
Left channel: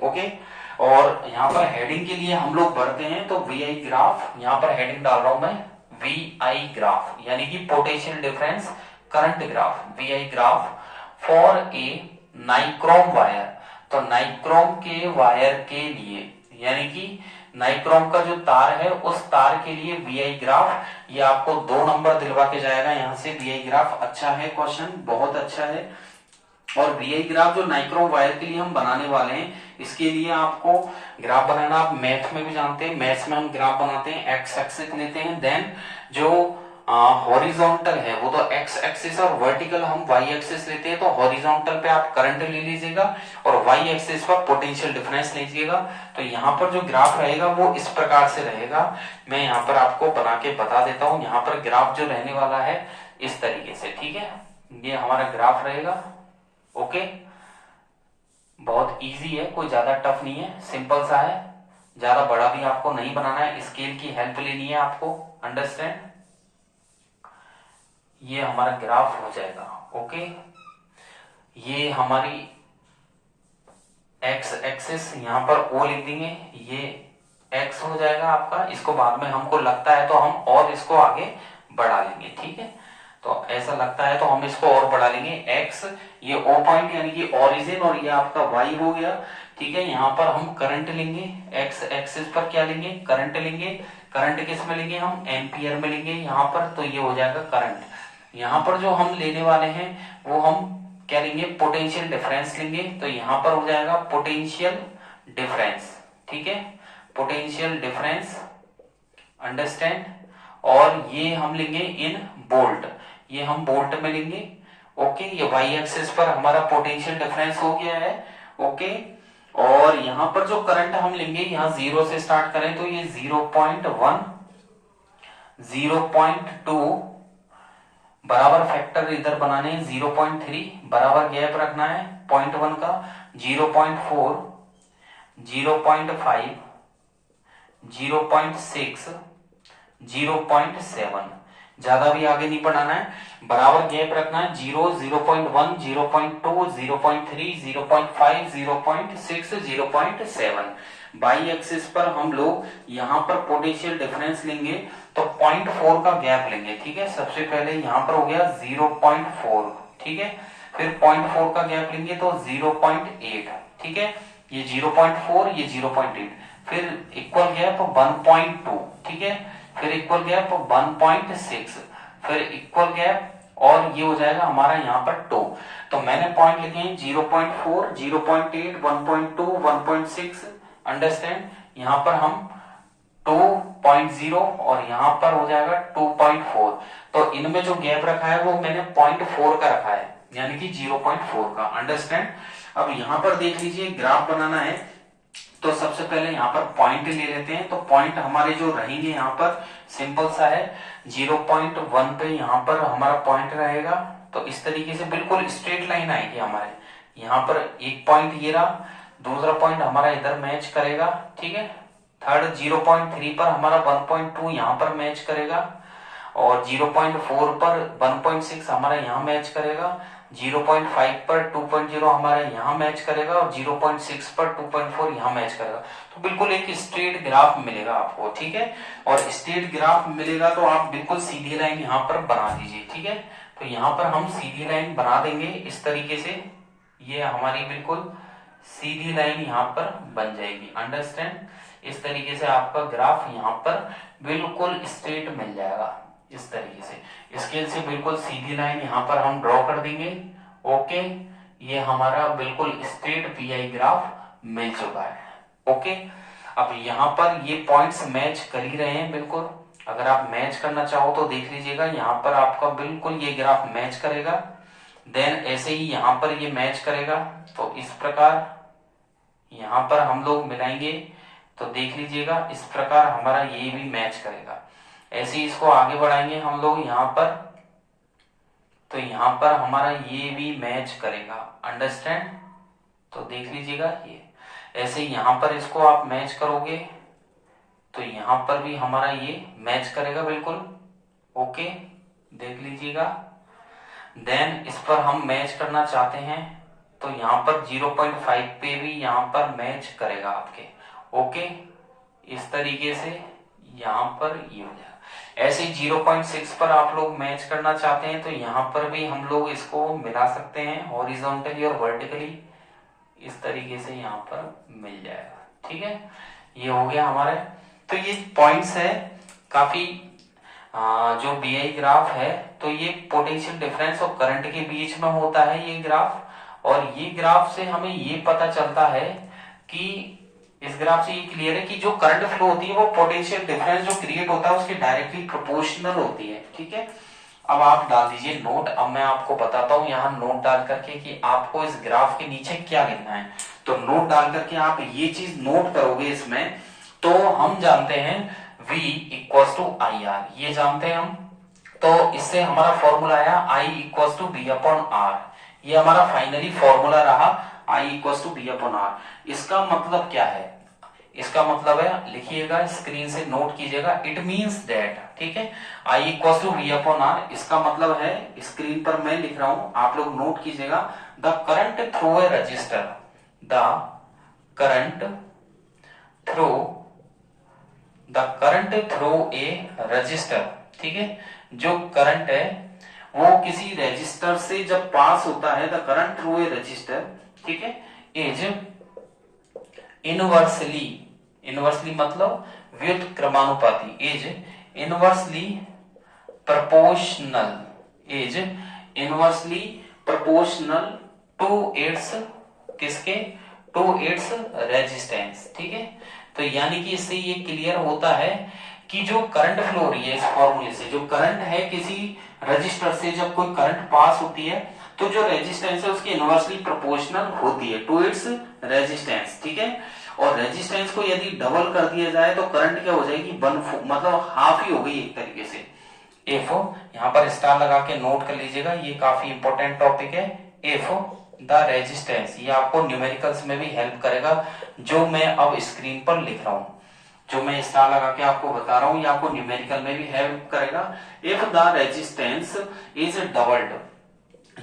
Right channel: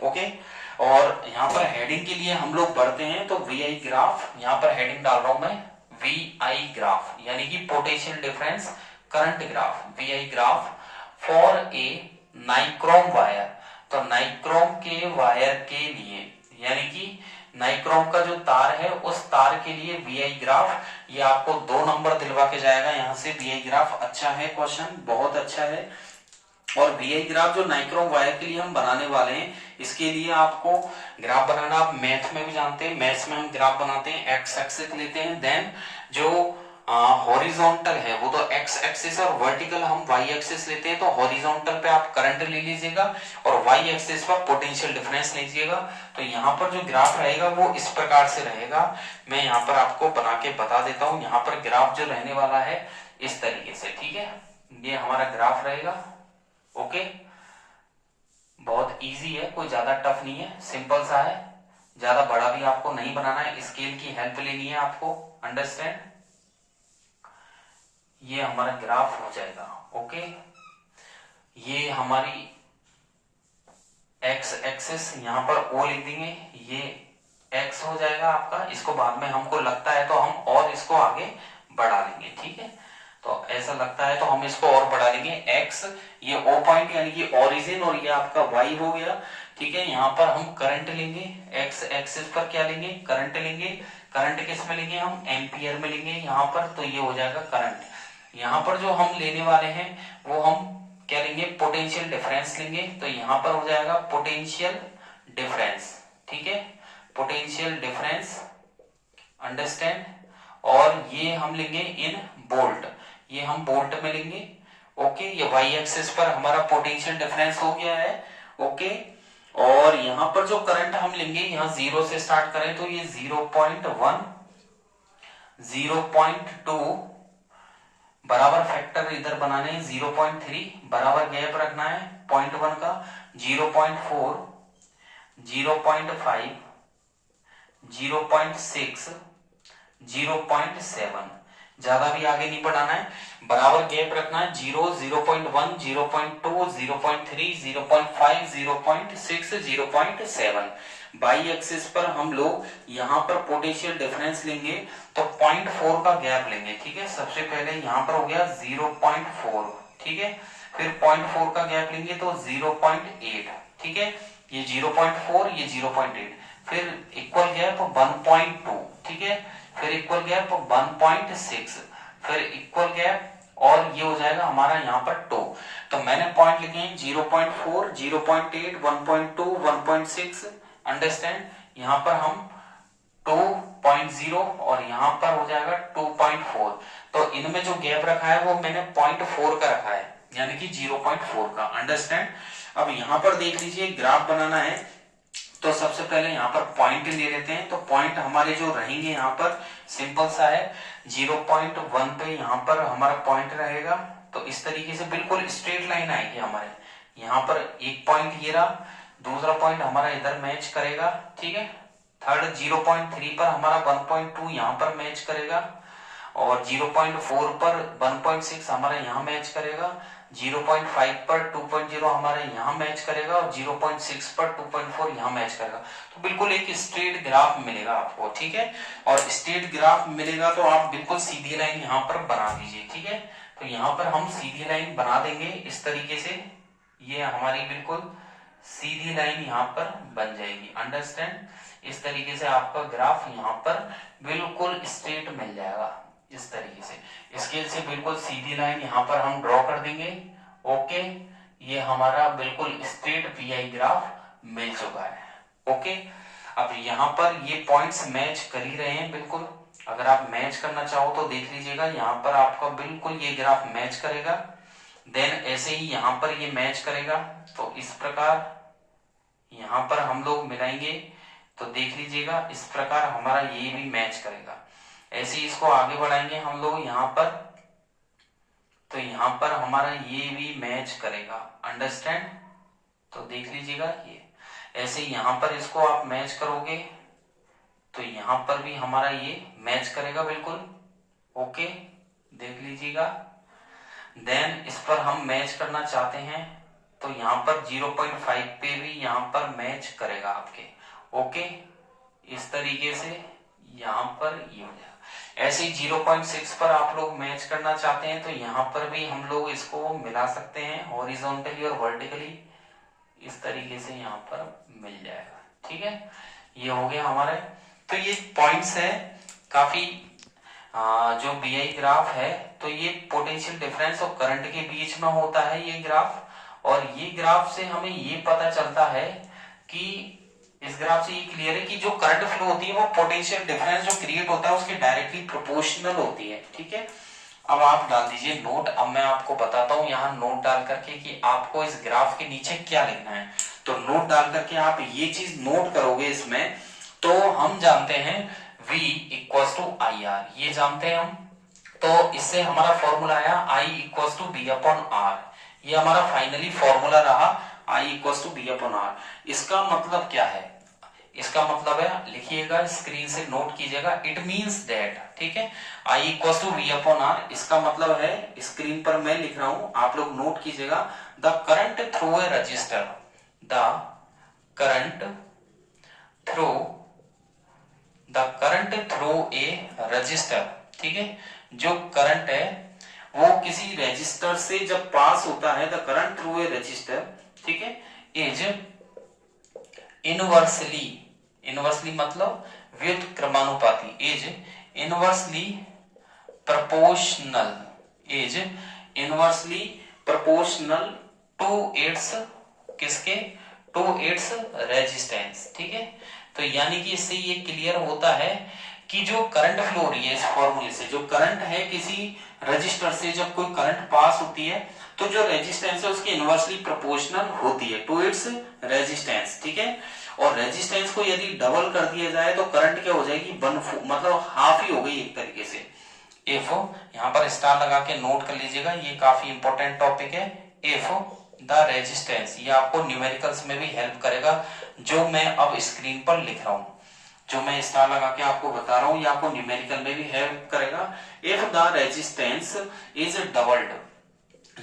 ओके। और यहाँ पर हेडिंग के लिए हम लोग बढ़ते हैं, तो वीआई ग्राफ, यहाँ पर हेडिंग डाल रहा हूं मैं वीआई ग्राफ, यानी कि potential difference current graph, VI graph for a nichrome wire. तो नाइक्रोम के वायर के लिए, यानी कि नाइक्रोम का जो तार है उस तार के लिए वीआई ग्राफ, ये आपको 2 नंबर दिलवा के जाएगा यहाँ से। वीआई ग्राफ अच्छा है, क्वेश्चन बहुत अच्छा है। और वीआई ग्राफ जो नाइक्रोम वायर के लिए हम बनाने वाले हैं, इसके लिए आपको ग्राफ बनाना आप मैथ में भी जानते हैं, मैथ्स में हम ग्राफ बनाते हैं, एक्स एक्सिस लेते हैं, देन जो हॉरिजॉन्टल है वो तो एक्स एक्सिस और वर्टिकल हम वाई एक्सिस लेते हैं। तो हॉरिजॉन्टल पे आप करंट ले लीजिएगा और वाई एक्सिस पर पोटेंशियल डिफरेंस लीजिएगा। तो यहाँ पर जो ग्राफ रहेगा वो इस प्रकार से रहेगा, मैं यहाँ पर आपको बना के बता देता हूँ। यहाँ पर ग्राफ जो रहने वाला है इस तरीके से, ठीक है, ये हमारा ग्राफ रहेगा, ओके। बहुत इजी है, कोई ज्यादा टफ नहीं है, सिंपल सा है, ज्यादा बड़ा भी आपको नहीं बनाना है, स्केल की हेल्प लेनी है आपको, अंडरस्टैंड। ये हमारा ग्राफ हो जाएगा, ओके। ये हमारी एक्स एक्सिस, यहां पर ओ लिख देंगे, ये एक्स हो जाएगा आपका। इसको बाद में हमको लगता है तो हम और इसको आगे बढ़ा लेंगे, ठीक है। तो ऐसा लगता है तो हम इसको और बढ़ा लेंगे, एक्स, ये ओ पॉइंट यानी कि ओरिजिन, और ये आपका वाई हो गया, ठीक है। यहाँ पर हम करंट लेंगे, एक्स एक्सिस पर क्या लेंगे, करंट लेंगे। करंट किस में लेंगे, हम एम्पियर में लेंगे यहाँ पर, तो ये हो जाएगा करंट। यहाँ पर जो हम लेने वाले हैं वो हम क्या लेंगे, पोटेंशियल डिफरेंस लेंगे। तो यहाँ पर हो जाएगा पोटेंशियल डिफरेंस, ठीक है, पोटेंशियल डिफरेंस, अंडरस्टैंड। और ये हम लेंगे इन बोल्ट, ये हम बोल्ट में लेंगे, ओके। ये वाई एक्सिस पर हमारा पोटेंशियल डिफरेंस हो गया है, ओके। और यहाँ पर जो करंट हम लेंगे, यहाँ 0 से स्टार्ट करें तो ये 0.1, 0.2, बराबर फैक्टर इधर बनाने हैं, 0.3, बराबर गैप रखना है 0.1 का, 0.4, 0.5, 0.6, 0.7, ज्यादा भी आगे नहीं बढ़ाना है, बराबर गैप रखना है, 0, 0.1, 0.2, 0.3, 0.5, 0.6, 0.7। बाई एक्सिस पर हम लोग यहाँ पर पोटेंशियल डिफरेंस लेंगे तो 0.4 का गैप लेंगे, ठीक है। सबसे पहले यहाँ पर हो गया 0.4, ठीक है, फिर 0.4 का गैप लेंगे तो 0.8, ठीक है, ये 0.4, ये 0.8, फिर इक्वल गया तो 1.2, ठीक है, फिर इक्वल गैप 1.6, फिर इक्वल गैप, और ये हो जाएगा हमारा यहाँ पर 2। तो मैंने पॉइंट लिखे हैं 0.4, 0.8, 1.2, 1.6। अंडरस्टैंड, यहाँ पर हम 2.0 और यहाँ पर हो जाएगा 2.4। तो इनमें जो गैप रखा है वो मैंने 0.4 का रखा है, यानी कि 0.4 का। अंडरस्टैंड। अब यहाँ पर देख लीजिए, ग्राफ बनाना है तो सबसे पहले यहाँ पर पॉइंट ले लेते हैं। तो पॉइंट हमारे जो रहेंगे यहाँ पर सिंपल सा है, 0.1 पे यहाँ पर हमारा पॉइंट रहेगा। तो इस तरीके से बिल्कुल स्ट्रेट लाइन आएगी हमारे। यहाँ पर एक पॉइंट ये रहा, दूसरा पॉइंट हमारा इधर मैच करेगा, ठीक है। थर्ड 0.3 पर हमारा 1.2 यहाँ पर मैच करेगा, और 0.4 पर 1.6 हमारा यहाँ मैच करेगा, 0.5 पर 2.0 हमारा यहाँ मैच करेगा, और 0.6 पर 2.4 यहाँ मैच करेगा। तो बिल्कुल एक स्ट्रेट ग्राफ मिलेगा आपको, ठीक है। और स्ट्रेट ग्राफ मिलेगा तो आप बिल्कुल सीधी लाइन यहाँ पर बना दीजिए, ठीक है। तो यहाँ पर हम सीधी लाइन बना देंगे इस तरीके से, ये हमारी बिल्कुल सीधी लाइन यहाँ पर बन जाएगी। अंडरस्टैंड, इस तरीके से आपका ग्राफ यहाँ पर बिल्कुल स्ट्रेट मिल जाएगा इस तरीके से। स्केल से बिल्कुल सीधी लाइन यहाँ पर हम ड्रॉ कर देंगे। ओके, ये हमारा बिल्कुल स्ट्रेट पीआई ग्राफ मिल चुका है। ओके, अब यहाँ पर ये पॉइंट्स मैच कर ही रहे हैं बिल्कुल। अगर आप मैच करना चाहो तो देख लीजिएगा, यहाँ पर आपका बिल्कुल ये ग्राफ मैच करेगा। देन ऐसे ही यहाँ पर ये मैच करेगा। तो इस प्रकार यहाँ पर हम लोग मिलाएंगे तो देख लीजिएगा, इस प्रकार हमारा ये भी मैच करेगा। ऐसे ही इसको आगे बढ़ाएंगे हम लोग यहाँ पर, तो यहाँ पर हमारा ये भी मैच करेगा। अंडरस्टैंड, तो देख लीजिएगा ये ऐसे ही यहाँ पर इसको आप मैच करोगे तो यहाँ पर भी हमारा ये मैच करेगा बिल्कुल। ओके, देख लीजिएगा। देन इस पर हम मैच करना चाहते हैं तो यहाँ पर 0.5 पे भी यहाँ पर मैच करेगा आपके। ओके, इस तरीके से यहाँ पर ये हो जाएगा। ऐसे ही 0.6 पर आप लोग मैच करना चाहते हैं तो यहाँ पर भी हम लोग इसको मिला सकते हैं हॉरिजॉन्टली और वर्टिकली, इस तरीके से यहाँ पर मिल जाएगा, ठीक है। ये हो गया हमारे। तो ये पॉइंट्स है काफी जो बीआई ग्राफ है, तो ये पोटेंशियल डिफरेंस और करंट के बीच में होता है ये ग्राफ। और ये ग्राफ से हमें ये पता चलता है कि इस ग्राफ से ये क्लियर है कि जो करंट फ्लो होती है वो पोटेंशियल डिफरेंस जो क्रिएट होता है उसके डायरेक्टली प्रोपोर्शनल होती है, ठीक है। अब आप डाल दीजिए नोट। अब मैं आपको बताता हूं यहाँ नोट डाल करके कि आपको इस ग्राफ के नीचे क्या लिखना है। तो नोट डाल करके आप ये चीज नोट करोगे इसमें, तो हम जानते हैं V equals to I R, ये जानते हैं हम। तो इससे हमारा फॉर्मूला आया I equals to B upon R, ये हमारा फाइनली फॉर्मूला रहा I equals to B upon R. इसका मतलब क्या है? इसका मतलब है, लिखिएगा स्क्रीन से नोट कीजिएगा, इट मींस दैट, ठीक है, I equals to B upon R. इसका मतलब है, स्क्रीन पर मैं लिख रहा हूं, आप लोग नोट कीजिएगा, the current through a register, the current through a resistor, ठीक है। जो करंट है वो किसी रजिस्टर से जब पास होता है, the current through a resistor, ठीक है, इज इनवर्सली मतलब व्युत्क्रमानुपाती, is inversely proportional to its किसके, टू इट्स रेजिस्टेंस, ठीक है। तो यानी कि इससे ये क्लियर होता है कि जो करंट फ्लो हो रही है इस फॉर्मूले से, जो करंट है किसी रजिस्टर से जब कोई करंट पास होती है तो जो रेजिस्टेंस है उसकी इनवर्सली प्रोपोर्शनल होती है टू इट्स रेजिस्टेंस, ठीक है। और रेजिस्टेंस को यदि डबल कर दिया जाए तो करंट क्या हो जाएगी, मतलब हाफ ही हो गई एक तरीके से। इफ यहाँ पर स्टार लगा के नोट कर लीजिएगा, ये काफी इंपॉर्टेंट टॉपिक है। इफ द रेजिस्टेंस, ये आपको न्यूमेरिकल्स में भी हेल्प करेगा, जो मैं अब स्क्रीन पर लिख रहा हूं, जो मैं स्टार लगा के आपको बता रहा हूं, ये आपको न्यूमेरिकल में भी हेल्प करेगा। If the resistance is doubled,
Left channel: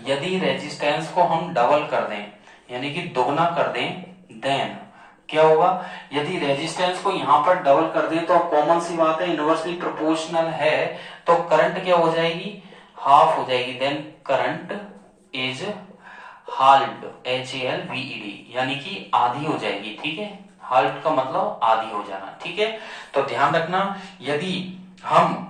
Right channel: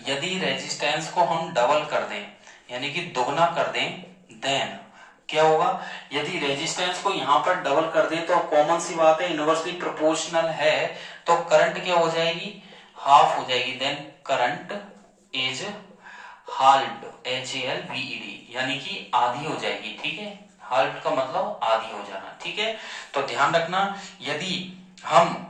यदि रेजिस्टेंस को हम डबल कर दें यानी कि दोगुना कर दें, देन क्या होगा, यदि रेजिस्टेंस को यहां पर डबल कर दें तो कॉमन सी बात है, इनवर्सली प्रोपोर्शनल है तो करंट क्या हो जाएगी, हाफ हो जाएगी। Then current is halved, HALVED, यानी कि आधी हो जाएगी, ठीक है। हाल्ट का मतलब आधी हो जाना, ठीक है। तो ध्यान रखना, यदि हम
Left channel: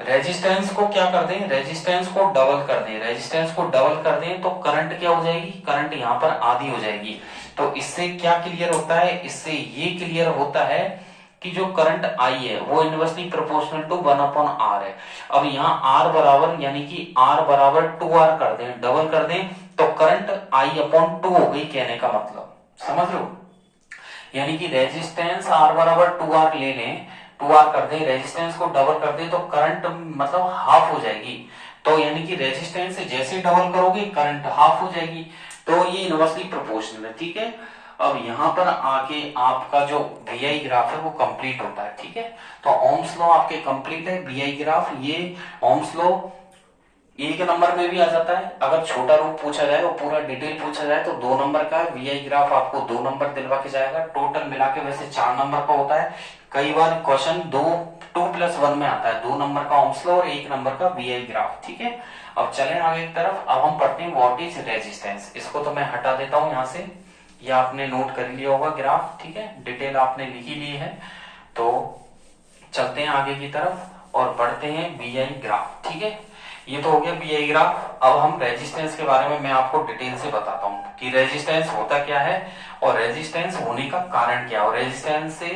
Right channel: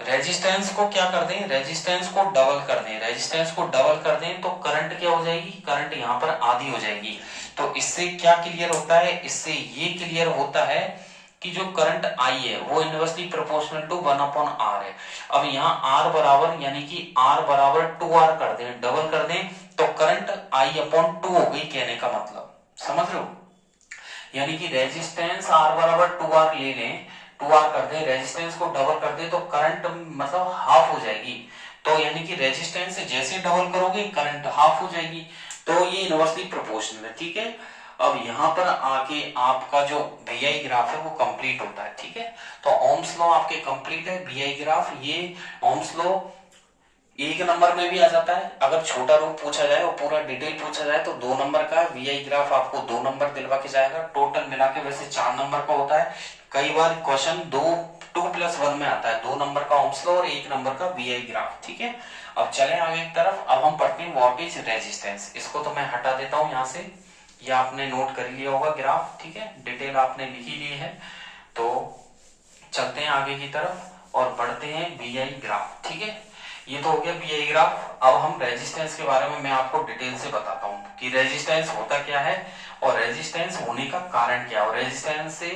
रेजिस्टेंस को क्या कर दें, रेजिस्टेंस को डबल कर दें, रेजिस्टेंस को डबल कर दें तो करंट क्या हो जाएगी, करंट यहाँ पर आधी हो जाएगी। तो इससे क्या क्लियर होता है, इससे ये क्लियर होता है कि जो करंट आई है वो इनवर्सली प्रोपोर्शनल टू 1/r है। अब यहाँ r बराबर यानी कि r बराबर 2r कर दें, डबल कर दें, तो करंट I/2 हो गई, कहने का मतलब समझ लो। यानी कि रेजिस्टेंस R बराबर 2R ले लें, 2R कर दें, रेजिस्टेंस को डबल कर दें तो करंट मतलब हाफ हो जाएगी। तो यानी कि रेजिस्टेंस से जैसे डबल करोगे करंट हाफ हो जाएगी। तो ये इनवर्सली प्रोपोर्शनल है, ठीक है। अब यहाँ पर आके आपका जो VI ग्राफ है वो कंप्लीट होता है, ठीक है। तो ओम्स लॉ आपके कंप्लीट है, VI ग्राफ, ये ओम्स लॉ एक नंबर में भी आ जाता है। अगर छोटा रूप पूछा जाए और पूरा डिटेल पूछा जाए तो 2 नंबर का VI ग्राफ आपको 2 नंबर दिलवा के जाएगा। टोटल मिला के वैसे 4 नंबर का होता है। कई बार क्वेश्चन 2+1 में आता है, 2 नंबर का ओम्स लॉ और 1 नंबर का VI ग्राफ, ठीक है। अब चलें आगे की तरफ। अब हम पढ़ते हैं व्हाट इज रेजिस्टेंस। इसको तो मैं हटा देता हूं यहाँ से, ये आपने नोट कर लिया होगा ग्राफ, ठीक है, डिटेल आपने लिखी ली है। तो चलते हैं आगे की तरफ और पढ़ते हैं VI ग्राफ, ठीक है। ये तो हो गया VI ग्राफ। अब हम रेजिस्टेंस के बारे में मैं आपको डिटेल से बताता हूँ कि रेजिस्टेंस होता क्या है और रेजिस्टेंस होने का कारण क्या है और रेजिस्टेंस से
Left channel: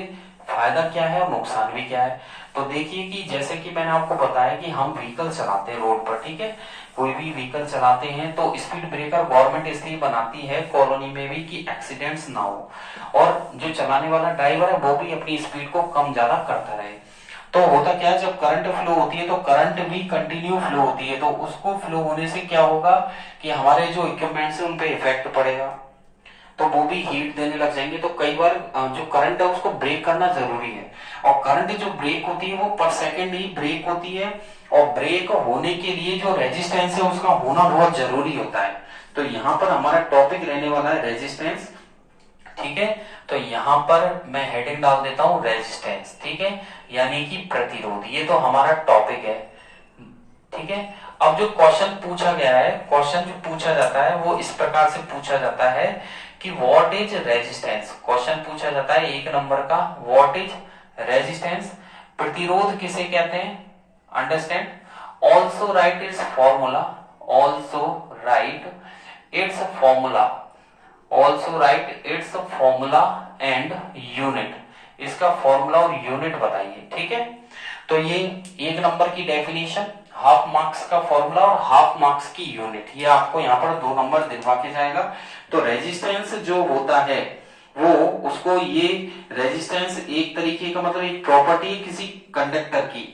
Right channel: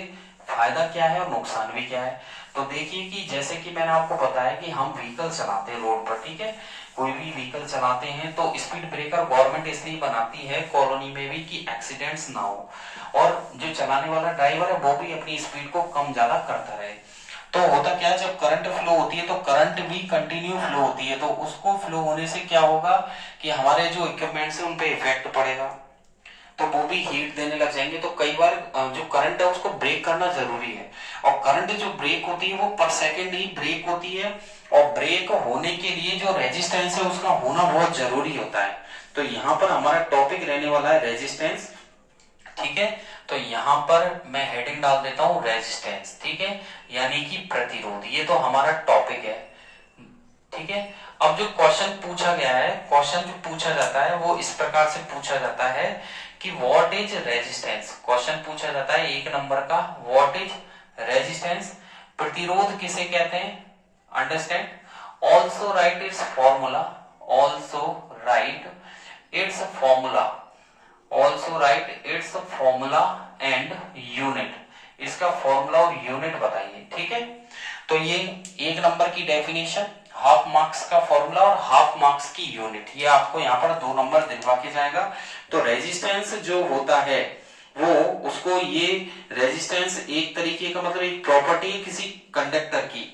फायदा क्या है और नुकसान भी क्या है। तो देखिए कि जैसे कि मैंने आपको बताया कि हम व्हीकल चलाते हैं रोड पर, ठीक है, कोई भी व्हीकल चलाते हैं तो स्पीड ब्रेकर गवर्नमेंट इसलिए बनाती है कॉलोनी में भी कि एक्सीडेंट्स ना हो और जो चलाने वाला ड्राइवर है वो भी अपनी स्पीड को कम ज्यादा करता रहे। तो होता क्या है, जब करंट फ्लो होती है तो करंट भी कंटिन्यू फ्लो होती है, तो उसको फ्लो होने से क्या होगा कि हमारे जो इक्विपमेंट्स है उन पे इफेक्ट पड़ेगा, तो वो भी हीट देने लग जाएंगे। तो कई बार जो करंट है उसको ब्रेक करना जरूरी है और करंट जो ब्रेक होती है वो पर सेकेंड ही ब्रेक होती है और ब्रेक होने के लिए जो रेजिस्टेंस है उसका होना बहुत जरूरी होता है। तो यहाँ पर हमारा टॉपिक रहने वाला है रेजिस्टेंस, ठीक है। तो यहाँ पर मैं हेडिंग डाल देता हूं रेजिस्टेंस, ठीक है, यानी कि प्रतिरोध। ये तो हमारा टॉपिक है, ठीक है। अब जो क्वेश्चन पूछा गया है, क्वेश्चन जो पूछा जाता है वो इस प्रकार से पूछा जाता है कि व्हाट इज रेजिस्टेंस। क्वेश्चन पूछा जाता है 1 नंबर का, व्हाट इज रेजिस्टेंस, प्रतिरोध किसे कहते हैं, understand. Also right is formula, also right it's formula, also right it's formula and unit. इसका फॉर्मूला और यूनिट बताइए, ठीक है। तो ये 1 नंबर की डेफिनेशन, हाफ मार्क्स का फॉर्मूला और हाफ मार्क्स की यूनिट, ये आपको यहाँ पर 2 नंबर दिलवा के जाएगा। तो रेजिस्टेंस जो होता है वो उसको, ये रेजिस्टेंस एक तरीके का मतलब एक प्रॉपर्टी है किसी कंडक्टर की,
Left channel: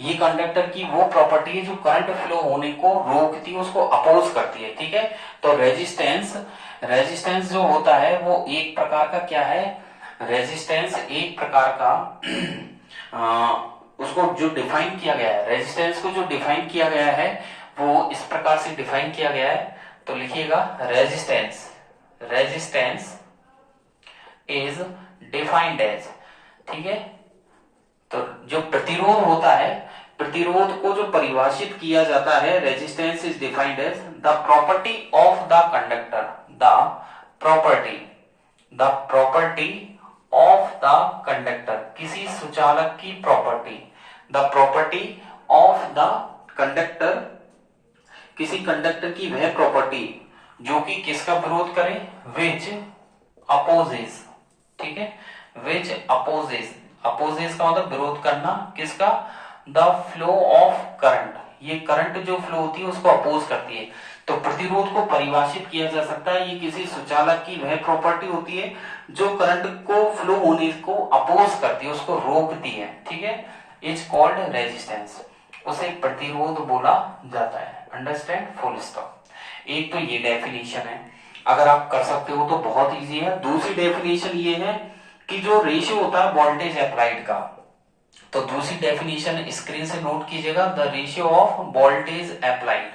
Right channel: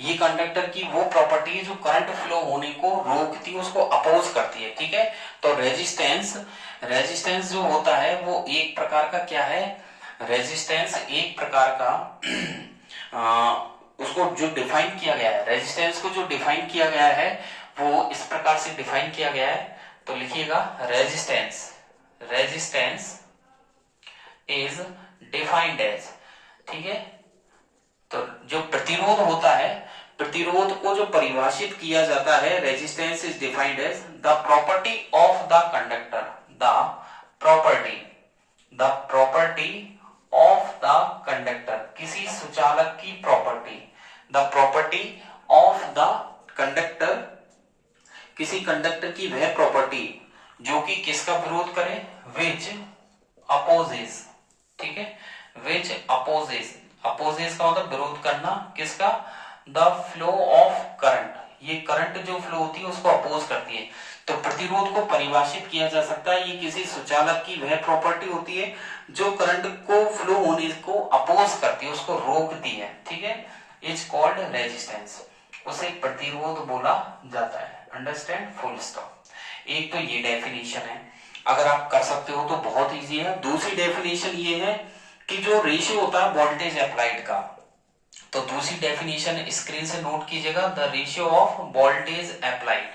ये कंडक्टर की वो प्रॉपर्टी है जो करंट फ्लो होने को रोकती है, उसको अपोज करती है, ठीक है। तो रेजिस्टेंस, रेजिस्टेंस जो होता है वो एक प्रकार का क्या है, रेजिस्टेंस एक प्रकार का उसको जो डिफाइन किया गया है, रेजिस्टेंस को जो डिफाइन किया गया है वो इस प्रकार से डिफाइन किया गया है। तो लिखिएगा resistance, resistance is defined as, ठीक है। तो जो प्रतिरोध होता है, प्रतिरोध को जो परिभाषित किया जाता है, resistance is defined as the property of the conductor, the property, the property of the conductor, किसी सुचालक की property, the property of the conductor, किसी कंडक्टर की वह प्रॉपर्टी जो कि किसका विरोध करे, विच अपोजेस, ठीक है, विच अपोजेस, अपोजेस का मतलब विरोध करना, किसका, द फ्लो ऑफ करंट, ये करंट जो फ्लो होती है उसको अपोज करती है। तो प्रतिरोध को परिभाषित किया जा सकता है, ये किसी सुचालक की वह प्रॉपर्टी होती है जो करंट को फ्लो होने को अपोज करती है, उसको रोकती है, ठीक है, इज कॉल्ड रेजिस्टेंस, उसे प्रतिरोध बोला जाता है, अंडरस्टैंड, फुल स्टॉप। एक तो ये डेफिनेशन है, अगर आप कर सकते हो तो बहुत इजी है। दूसरी डेफिनेशन ये है कि जो रेशियो होता है वोल्टेज अप्लाइड का, तो दूसरी डेफिनेशन स्क्रीन से नोट कीजिएगा, the ratio of voltage applied,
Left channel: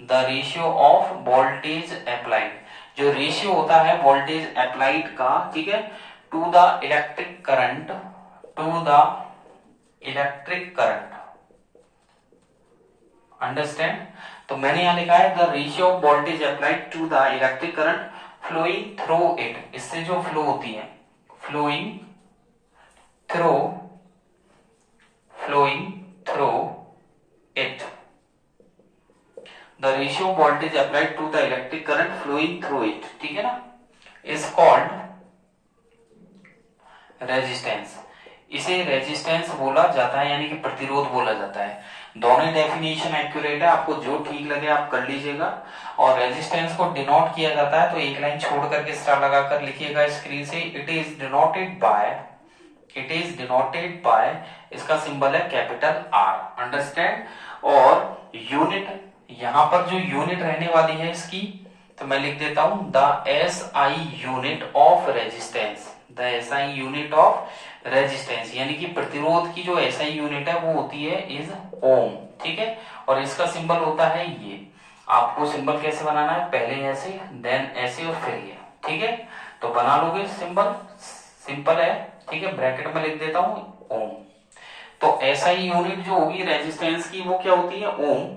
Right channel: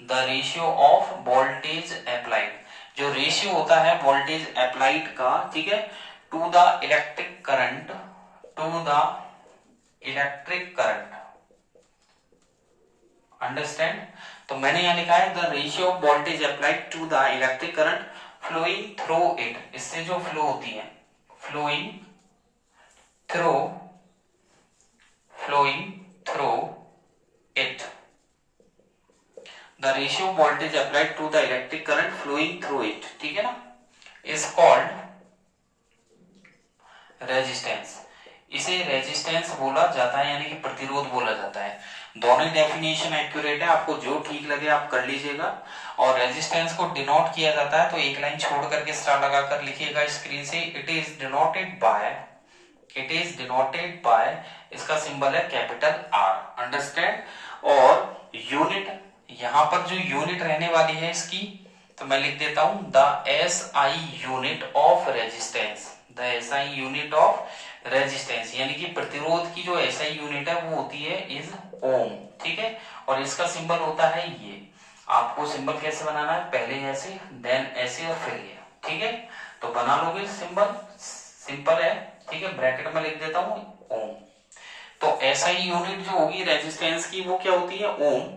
the ratio of voltage applied, जो रेशियो होता है वोल्टेज अप्लाइड का, ठीक है, to the electric current, to the electric current, understand. तो मैंने यहां लिखा है the ratio of voltage applied to the electric current flowing through it, इससे जो फ्लो होती है, flowing through, flowing through it. The ratio of voltage applied to the electric current flowing through it, ठीक है ना, is called रेजिस्टेंस। इसे resistance बोला जाता है, यानी कि प्रतिरोध बोला जाता है। दोनों डेफिनेशन एक्यूरेट है, आपको जो ठीक लगे आप कर लीजिएगा। और रेजिस्टेंस को डिनोट किया जाता है, तो एक लाइन छोड़ करके स्टार लगाकर लिखिएगा स्क्रीन से। इट इज डिनोटेड बाय, इसका सिंबल है कैपिटल आर, अंडरस्टैंड। और यूनिट, यहां पर जो यूनिट रहने वाली है इसकी, तो मैं लिख देता हूं the SI unit of resistance, the SI unit of resistance, यानी कि प्रतिरोध की जो एसआई यूनिट है वो होती है इज ओम, ठीक है। और इसका सिंबल होता है ये। आपको सिंबल कैसे बनाना है, पहले ऐसे, देन ऐसे और फिर ये, ठीक है। तो बना लोगे सिंबल, सिंपल है, ठीक है। ब्रैकेट में लिख देता हूं ओम। तो एसआई यूनिट जो होगी रेजिस्टेंस की वो क्या होती है, ओम,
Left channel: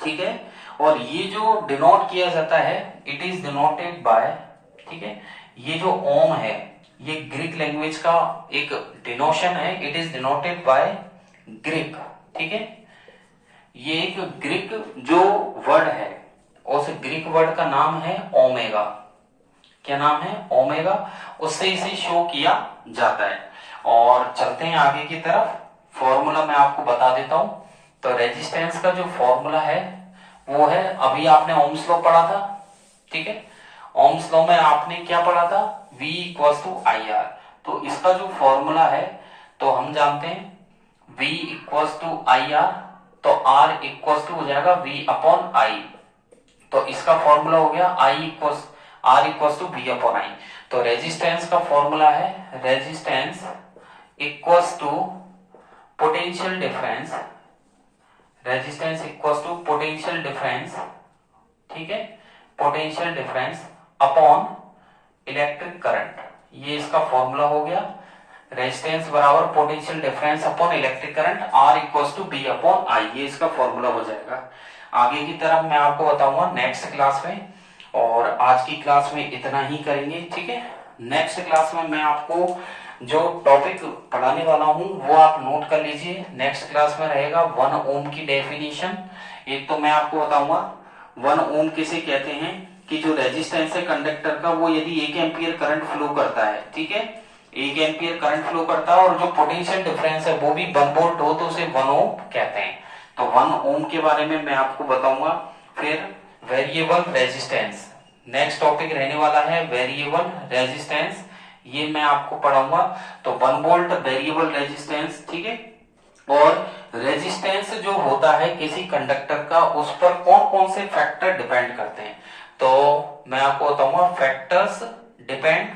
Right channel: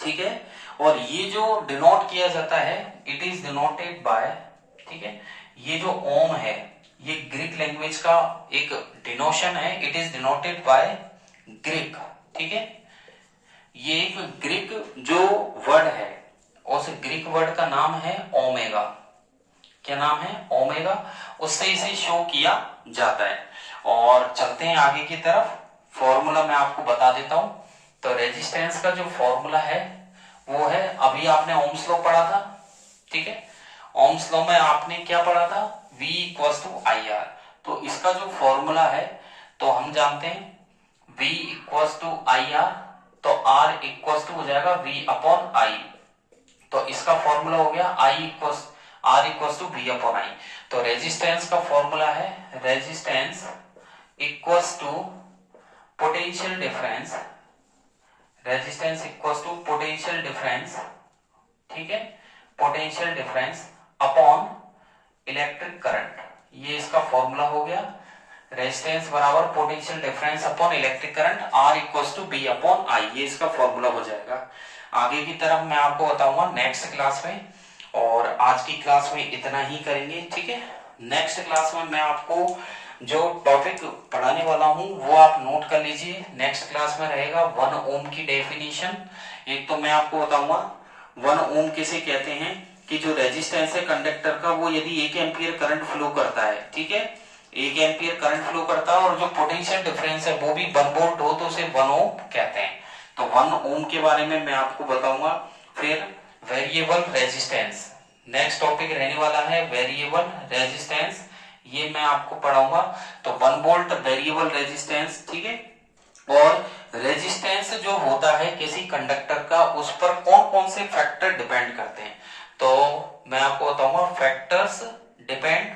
ठीक है। और ये जो डिनोट किया जाता है, इट इज डिनोटेड बाय, ठीक है। ये जो ओम है ये ग्रीक लैंग्वेज का एक डिनोशन है, it is denoted by Greek, ठीक है। ये एक ग्रीक जो वर्ड है, उस ग्रीक वर्ड का नाम है ओमेगा। क्या नाम है, ओमेगा। उससे इसे शो किया जाता है। और चलते हैं आगे की तरफ, फॉर्मूला मैं आपको बता देता हूं। तो रेजिस्टेंस का जो फॉर्मूला है वो है, अभी आपने ओम्स लॉ पढ़ा था, ठीक है। ओम्स लॉ में आपने क्या पढ़ा था, V equals to I R. तो इसका जो फॉर्मूला है, तो हम जानते हैं V equals to I R, तो R इक्वल्स टू हो जाएगा V अपॉन आई। तो इसका फॉर्मूला हो गया R equals to V upon I. तो रेजिस्टेंस का फॉर्मूला है, resistance equals to potential difference, resistance equals to potential difference, ठीक है, potential difference upon electric current. ये इसका फॉर्मूला हो गया, रेजिस्टेंस बराबर potential difference upon electric current, R equals to B upon I. ये इसका फॉर्मूला हो जाएगा। आगे की तरफ मैं आपको बताऊंगा नेक्स्ट क्लास में, और आज की क्लास में इतना ही करेंगे, ठीक है। नेक्स्ट क्लास में मैं आपको जो टॉपिक पढ़ाने वाला हूं वो आप नोट कर लीजिए। नेक्स्ट क्लास में रहेगा 1 ओम की डेफिनेशन। एक तो मैं आपको बताऊंगा 1 ओम किसे कहते हैं, कि जो रेजिस्टेंस है कंडक्टर का, वो यदि 1 एम्पियर करंट फ्लो करता है, ठीक है, 1 एम्पियर करंट फ्लो करता है, और जो पोटेंशियल डिफरेंस है वो भी 1 वोल्ट हो, तो उसे 1 ओम कहते हैं। तो 1 ओम के बारे में मैं आपको बताऊंगा। फिर वेरिएबल रेजिस्टेंस, नेक्स्ट टॉपिक रहने वाला है वेरिएबल रेजिस्टेंस, ये मैं आपको पढ़ाऊंगा। तो 1 वोल्ट वेरिएबल रेजिस्टेंस, ठीक है। और रेजिस्टेंस जो होता है किसी कंडक्टर का, उस पर कौन कौन से फैक्टर डिपेंड करते हैं, तो मैं आपको बताऊंगा factors depend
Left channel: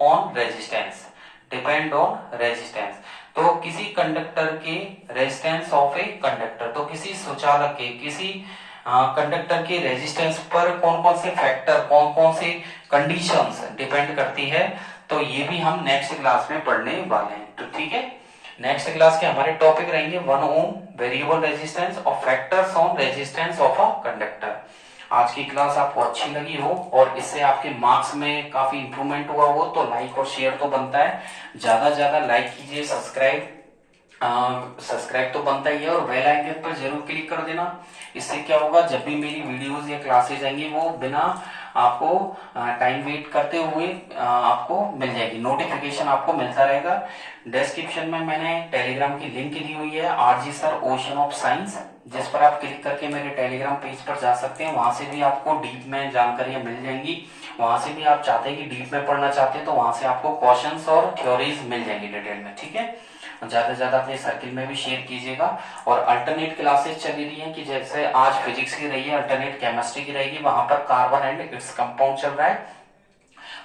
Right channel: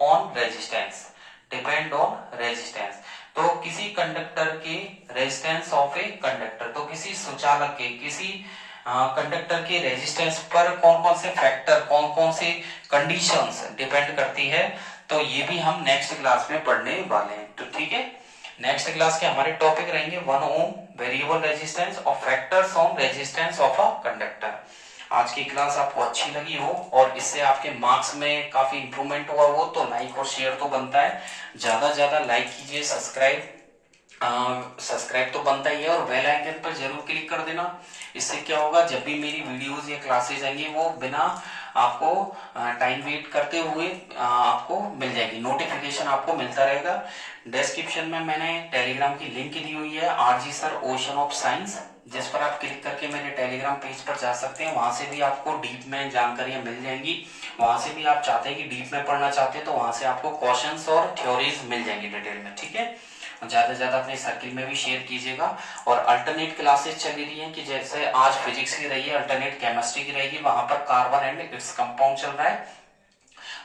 on resistance, depend on resistance. तो किसी कंडक्टर के रेजिस्टेंस ऑफ ए कंडक्टर, तो किसी सुचालक के, किसी कंडक्टर के रेजिस्टेंस पर कौन कौन से फैक्टर, कौन कौन से कंडीशंस डिपेंड करती है, तो ये भी हम नेक्स्ट क्लास में पढ़ने वाले हैं। तो ठीक है, नेक्स्ट क्लास के हमारे टॉपिक रहेंगे 1 ओम, वेरिएबल रेजिस्टेंस और factors on resistance of a conductor. आज की क्लास आपको अच्छी लगी हो और इससे आपके मार्क्स में काफी इंप्रूवमेंट हुआ हो, तो लाइक और शेयर तो बनता है, ज्यादा ज्यादा लाइक कीजिए, सब्सक्राइब तो बनता ही है, और बेल आइकन पर जरूर क्लिक कर देना। इससे क्या होगा, जब भी मेरी वीडियोस या क्लासेस आएंगी वो बिना आपको टाइम वेट करते हुए आपको मिल जाएगी, नोटिफिकेशन आपको मिलता रहेगा। डिस्क्रिप्शन में मैंने टेलीग्राम की लिंक दी हुई है, RG sir ocean of science, जिस पर आप क्लिक करके मेरे टेलीग्राम पेज पर जा सकते हैं। वहां से भी आपको डीप में जानकारियां मिल जाएंगी। वहां से भी आप चाहते हैं कि डीप में पढ़ना चाहते हैं, तो वहां से आपको क्वेश्चंस और थ्योरीज मिल जाएंगी डिटेल में, ठीक है। ज्यादा से ज्यादा अपने सर्किल में भी शेयर कीजिएगा। और अल्टरनेट क्लासेस चल रही हैं, कि जैसे आज फिजिक्स की रही है, अल्टरनेट केमिस्ट्री की रहेगी, वहां पर कार्बन एंड इट्स कंपाउंड चल रहा है,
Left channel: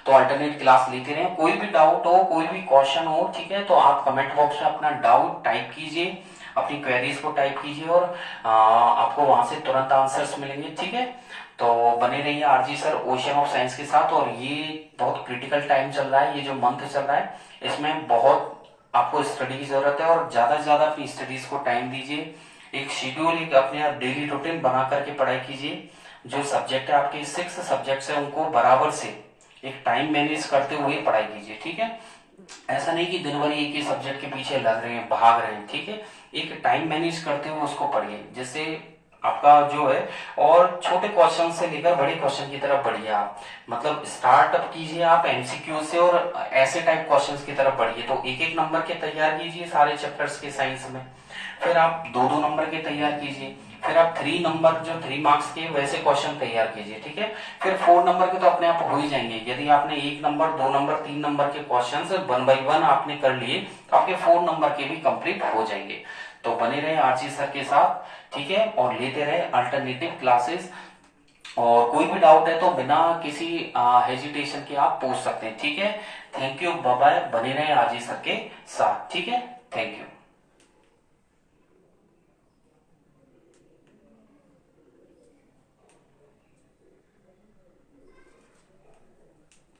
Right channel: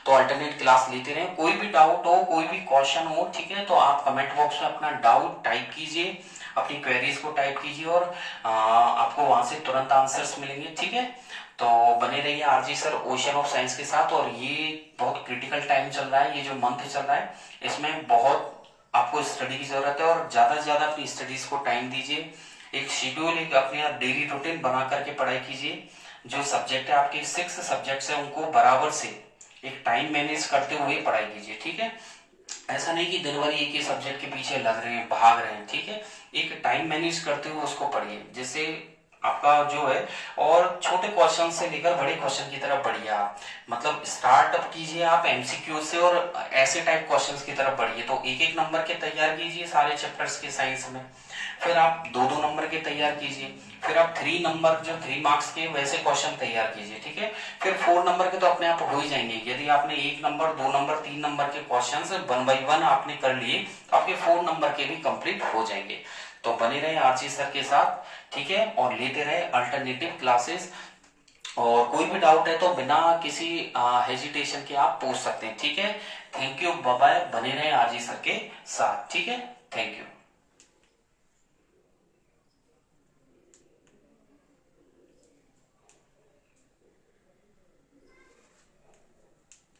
तो अल्टरनेट क्लास लेते रहे। कोई भी डाउट हो, कोई भी क्वेश्चन हो, ठीक है, तो आप कमेंट बॉक्स में अपना डाउट टाइप कीजिए, अपनी क्वेरीज को टाइप कीजिए, और आपको वहां से तुरंत आंसर्स मिलेंगे, ठीक है। तो बने रहिए RG sir ocean of science के साथ। और ये बहुत क्रिटिकल टाइम चल रहा है, ये जो मंथ चल रहा है, इसमें बहुत आपको स्टडी की जरूरत है, और ज्यादा से ज्यादा अपनी स्टडीज को टाइम दीजिए। एक शेड्यूल, एक अपने डेली रूटीन बना करके पढ़ाई कीजिए। जो सब्जेक्ट है, आपके 6 सब्जेक्ट्स है, उनको बराबर से एक टाइम मैनेज करते हुए पढ़ाई कीजिए, ठीक है। ऐसा नहीं कि दिन भर एक ही सब्जेक्ट के पीछे लग रहे हैं, भाग रहे हैं, ठीक है। एक टाइम मैनेज करते हुए उसको पढ़िए, जिससे आपका जो है, और छोटे क्वेश्चन से लेकर बड़े क्वेश्चन की तरफ बढ़िए आप, मतलब स्टार्टअप कीजिए आप एमसीक्यू से और ऐसे टाइप क्वेश्चंस की तरफ बढ़िए। तो एक एक नंबर के तैयार कीजिए सारे चैप्टर्स के साइंस में, फिर आप दो दो नंबर के तैयार कीजिए, फिर आप 3 नंबर जो 3 मार्क्स के वैसे क्वेश्चन तैयार कीजिए, ठीक है। फिर 4 नंबर के तो अपने आप हो ही जाएंगे। यदि आपने 1 नंबर 2 नंबर 3 नंबर के क्वेश्चन 1 बाई 1 आपने कर लिए तो आपके 4 नंबर के भी कंप्लीट हो जाएंगे। तो बने रहे आरजी सर के साथ, ठीक है, और लेते रहे अल्टरनेटिव क्लासेस। और कोई भी डाउट है तो बिना किसी हेजिटेशन के आप पूछ सकते हैं, ठीक है। थैंक यू, बाय बाय, बने रहे आरजी सर के साथ, ठीक है। Thank you.